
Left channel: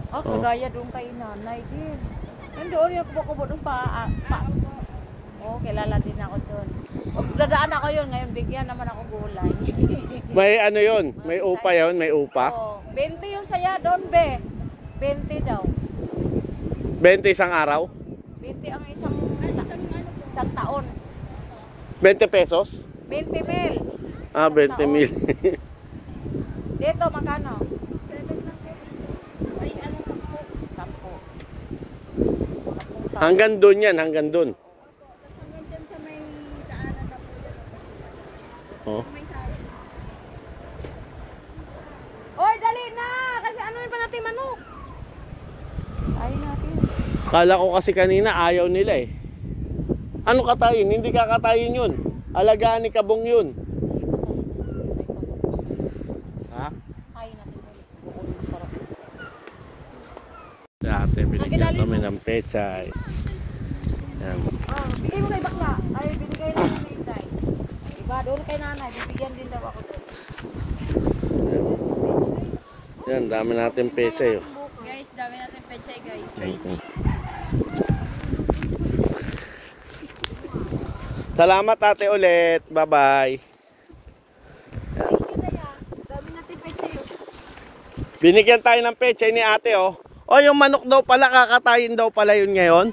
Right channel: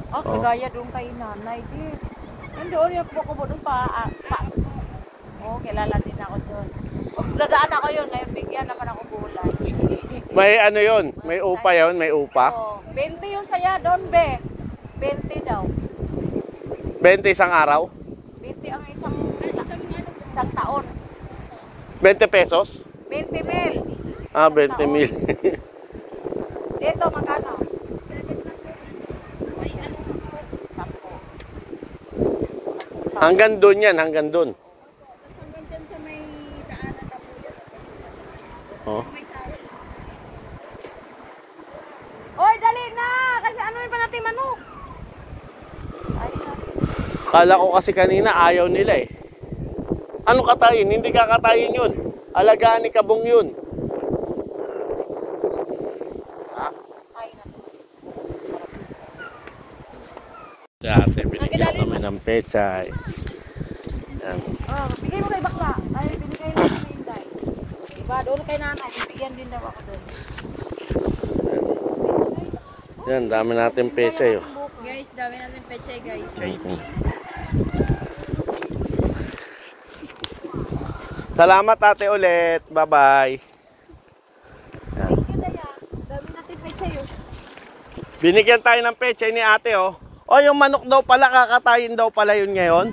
Oh, kagaya doon kay nanay, di. Hindi, yung kubo-kubo doon pa. Oh, kilala din ako doon. Pag dadaan ako yun, ngayon bigyan naman ako gulay. May ano yun? May upa yun? May upa? Oh, 20 yung saya doon, be. 20 daw. 20 isang araw? 20 ang isang taon. 20 pesos? 20 mil. Ah, 20 mil. Dito, magkano? 10. Hanggang doon yan, hanggang doon. Hanggang dyan sa may daanan na po yan. Oh. May sayang. Oy, dali na! Kasi ano yung pa natin manok? Ay natin. Kala ko kasi kanina ayaw nila eh. Ano katayin? Hindi kakatayin yun. Alagaan ni Kabong yun. Ha? Ay natin. Sa ate, binigyan kami ng pechay. Yan. Oh, bigay mo kay bakla. Ay, binigay lang kay Inday. Diba, doon kay nanay. Bibigyan din daw ako doon. Yan, dami natin pechay. Oh. Guys, dami natin pechay, guys. Salamat ate ulit. Bye-bye. Dami natin pechay, oh. Binigyan tayo ng pechay ni ate oh. Oh, yung manok daw pala, kakatayin daw pala yun ngayon.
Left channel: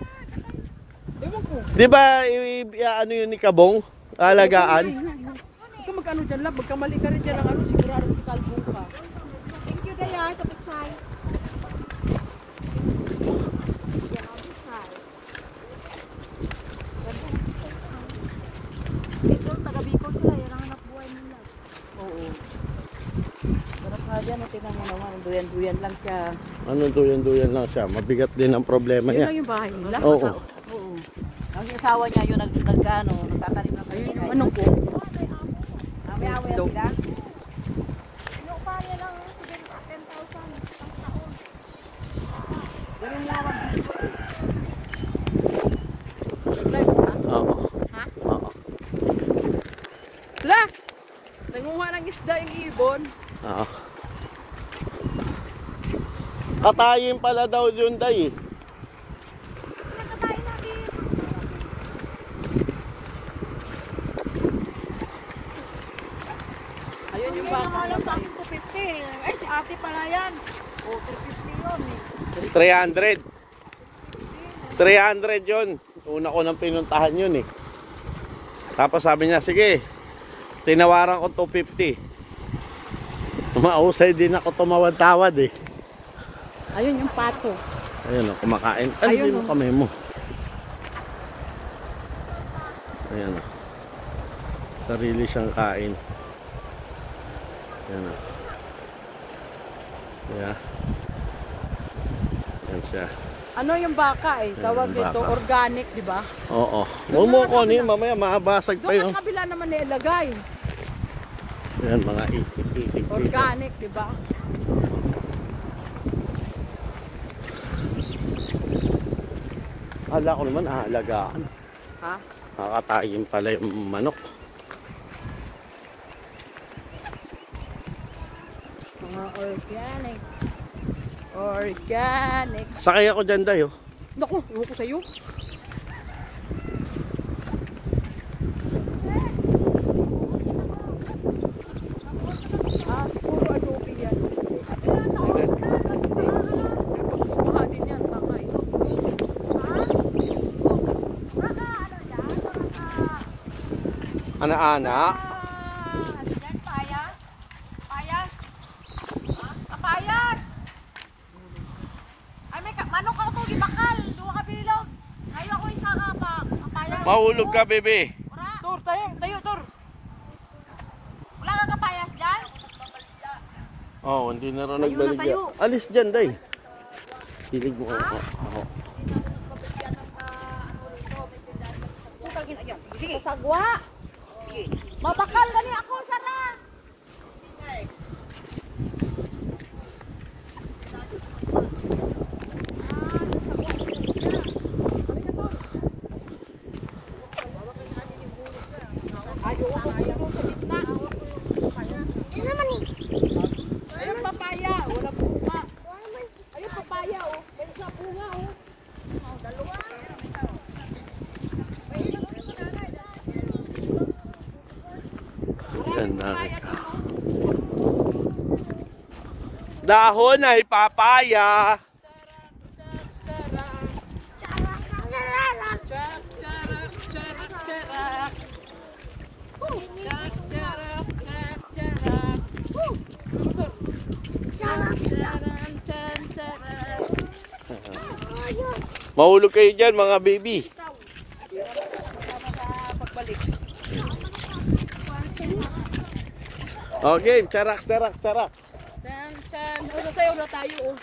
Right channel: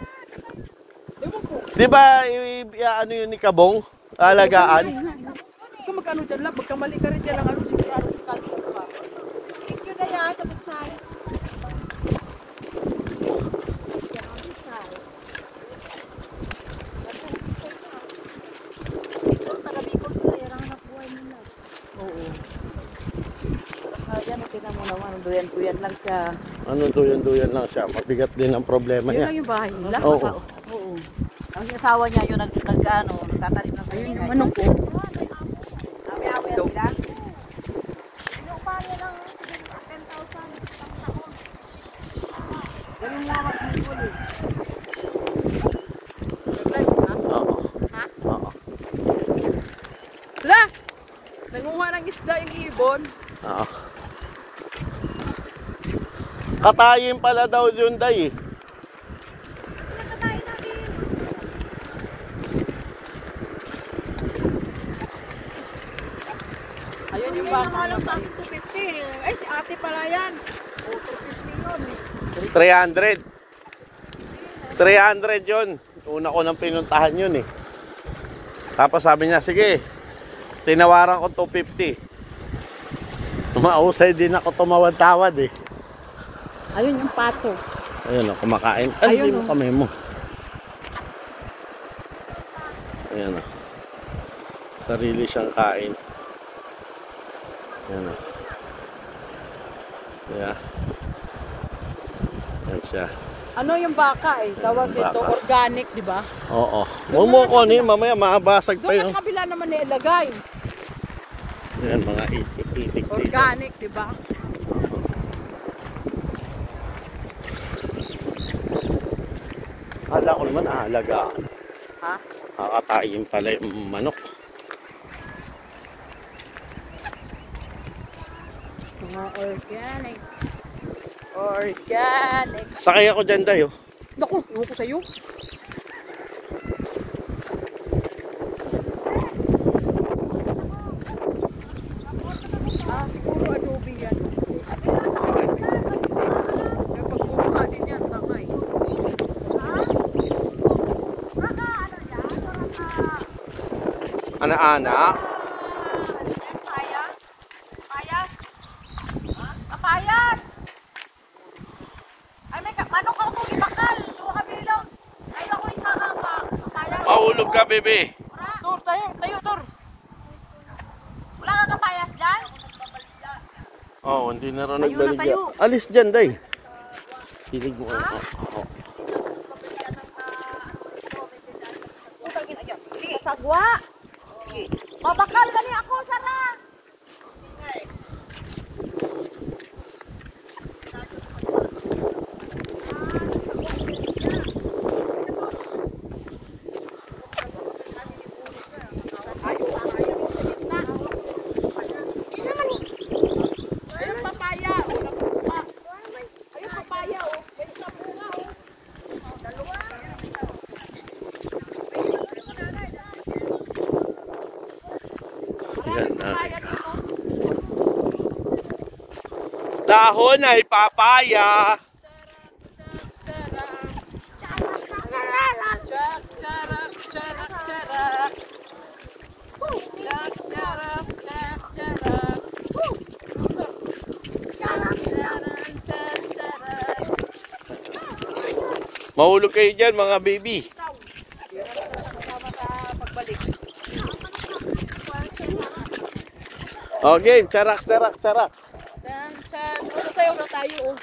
Di ba, ano yun ni Kabong? Alagaan? Huwag ka mag-ano dyan lang, magkamali ka rin dyan lang, ano, sigurado kalpok ka. Thank you, Daya, sa pechay. Taga-Bicol sila, yun ang anak buhay nila. Oo. Pero nga yan, tingnan mo naman, duyan-duyan lang siya. Ano duyan-duyan lang siya. Mabigat din ang problema Yun niya. lang yung bahay nila. Oo. Oo. Ang asawa niya yun, nagtatanim ng Ayun yung ano ko. May away sila. Inupa niya lang 10,000 isang taon. Ganun lang mag-dito eh. La! Nanguha ng isda yung ibon. Oo. Katayin pala daw yun, day. Ayun yung baka. Alam sa akin 250. Ay, si ate pala yan. O, 350 yun. 300. 300 yun. Una ko nang pinuntahan yun eh. Tapos sabi niya, sige, tinawaran ko 250. Mausay din ako tumawad-tawad eh. Ayun yung pato. Ayun o, kumakain. Alisin mo kamay mo. Ayan o. Sarili siyang kain. Ayan o. Yeah. Ayan siya. Ano yung baka eh? Tawag Yung dito, baka. organic, di ba? Oo. Huwag mo ko ni mamaya makabasag pa Doon yun. sa kabila naman nilagay. Ayan mga itik dito. Organic, di ba? Kala ko naman aalagaan. Ha? Kakatayin pala yung manok. Mga organic. Organic. Sakay ako dyan dayo. Naku, iwan ko sa'yo. Ah, puro adobe yan. Pagkukuha din yan, bakay. Ana-ana. Payas? Payas? Kapayas? Ay, may manok ako itong ibakal. Tuwa ka bilog. Ay, ako isa ka pa. Kapayas. Mahulog ka, bebe. Tur, tayo, tur. Wala kang kapayas dyan? Oh, hindi na rin nagbaligya. Alis dyan, day. Hilig mo. Sige. Sagwa. Mabakal gani ako, Sara. Ayun papaya. Ayun papaya, oh. May isa bunga, oh. Yan na. Dahon ay papaya. Mahulog kayo dyan, mga baby. Okay, charak. Sasayaw na tayo, oh.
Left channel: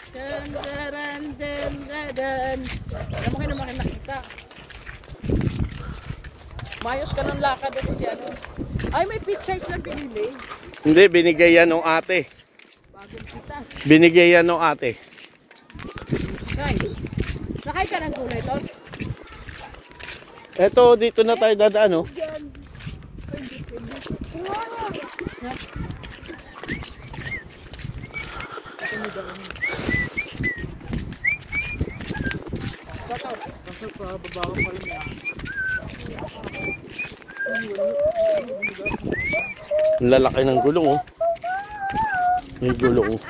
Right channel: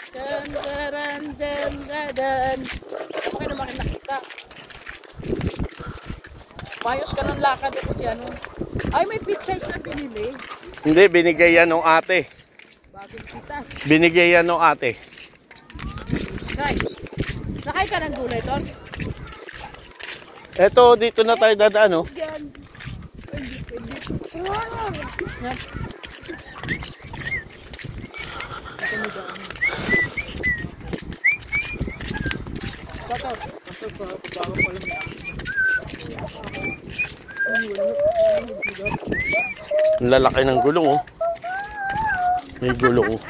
Naman naman nakita. Mayos ka ng lakad ako si ano. Ay, may pizza siya binili. Hindi, binigay yan ng ate. Bagong kita. Binigay yan ng ate. Sakay ka ng gulay, Ton? Eto, dito na tayo dadaan, oh. Ang lalaki ng gulong, oh. May gulong, oh.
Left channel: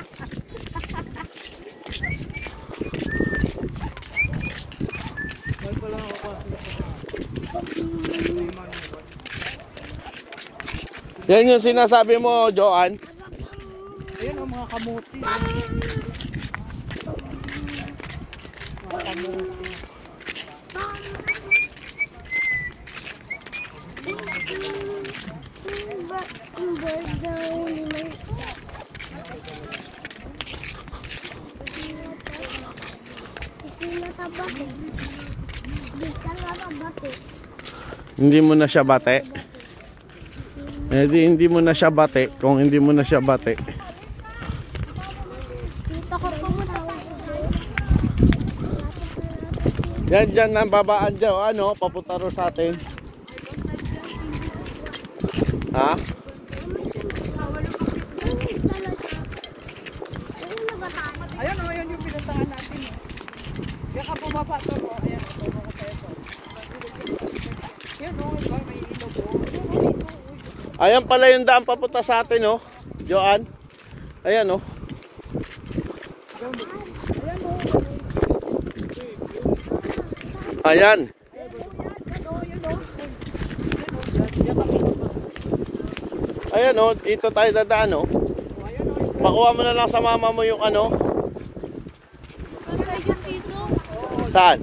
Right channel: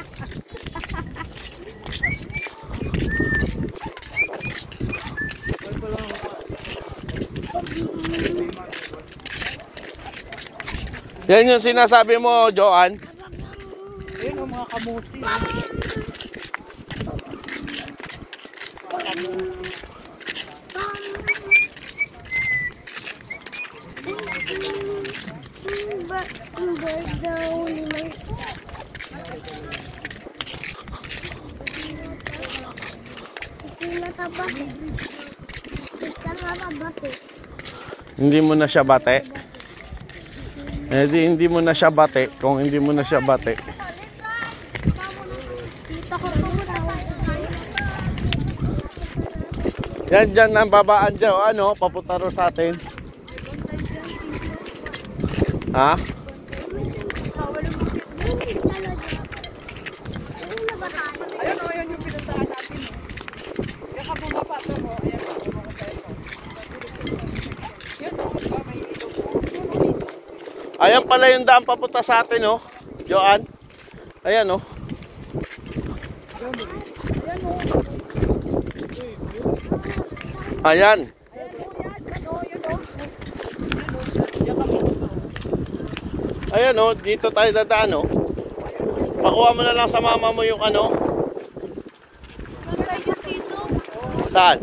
Yan yung sinasabi mo, Joan. Ayun, oh, mga kamuti. Oh. Mga kamuti. Hindi mo na siya bate. Eh di hindi mo na siya bate. Kung hindi mo na siya bate. Yan dyan ang babaan dyan. Ano, papunta ro sa atin. Ha? Ayun, oh, ayun yung pinuntahan natin. Oh. Yung ka bumaba to, oh. Ayan, bumaba tayo to. Yun, oh, may ilog, oh. Ayan pala yung daan papunta sa atin, oh. Joan. Ayan, oh. Ayan. Ayan, oh. Dito tayo dadaan, oh. Pakuha mo na lang sa mama mo yung ano. Saan?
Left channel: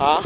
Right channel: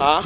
Ha?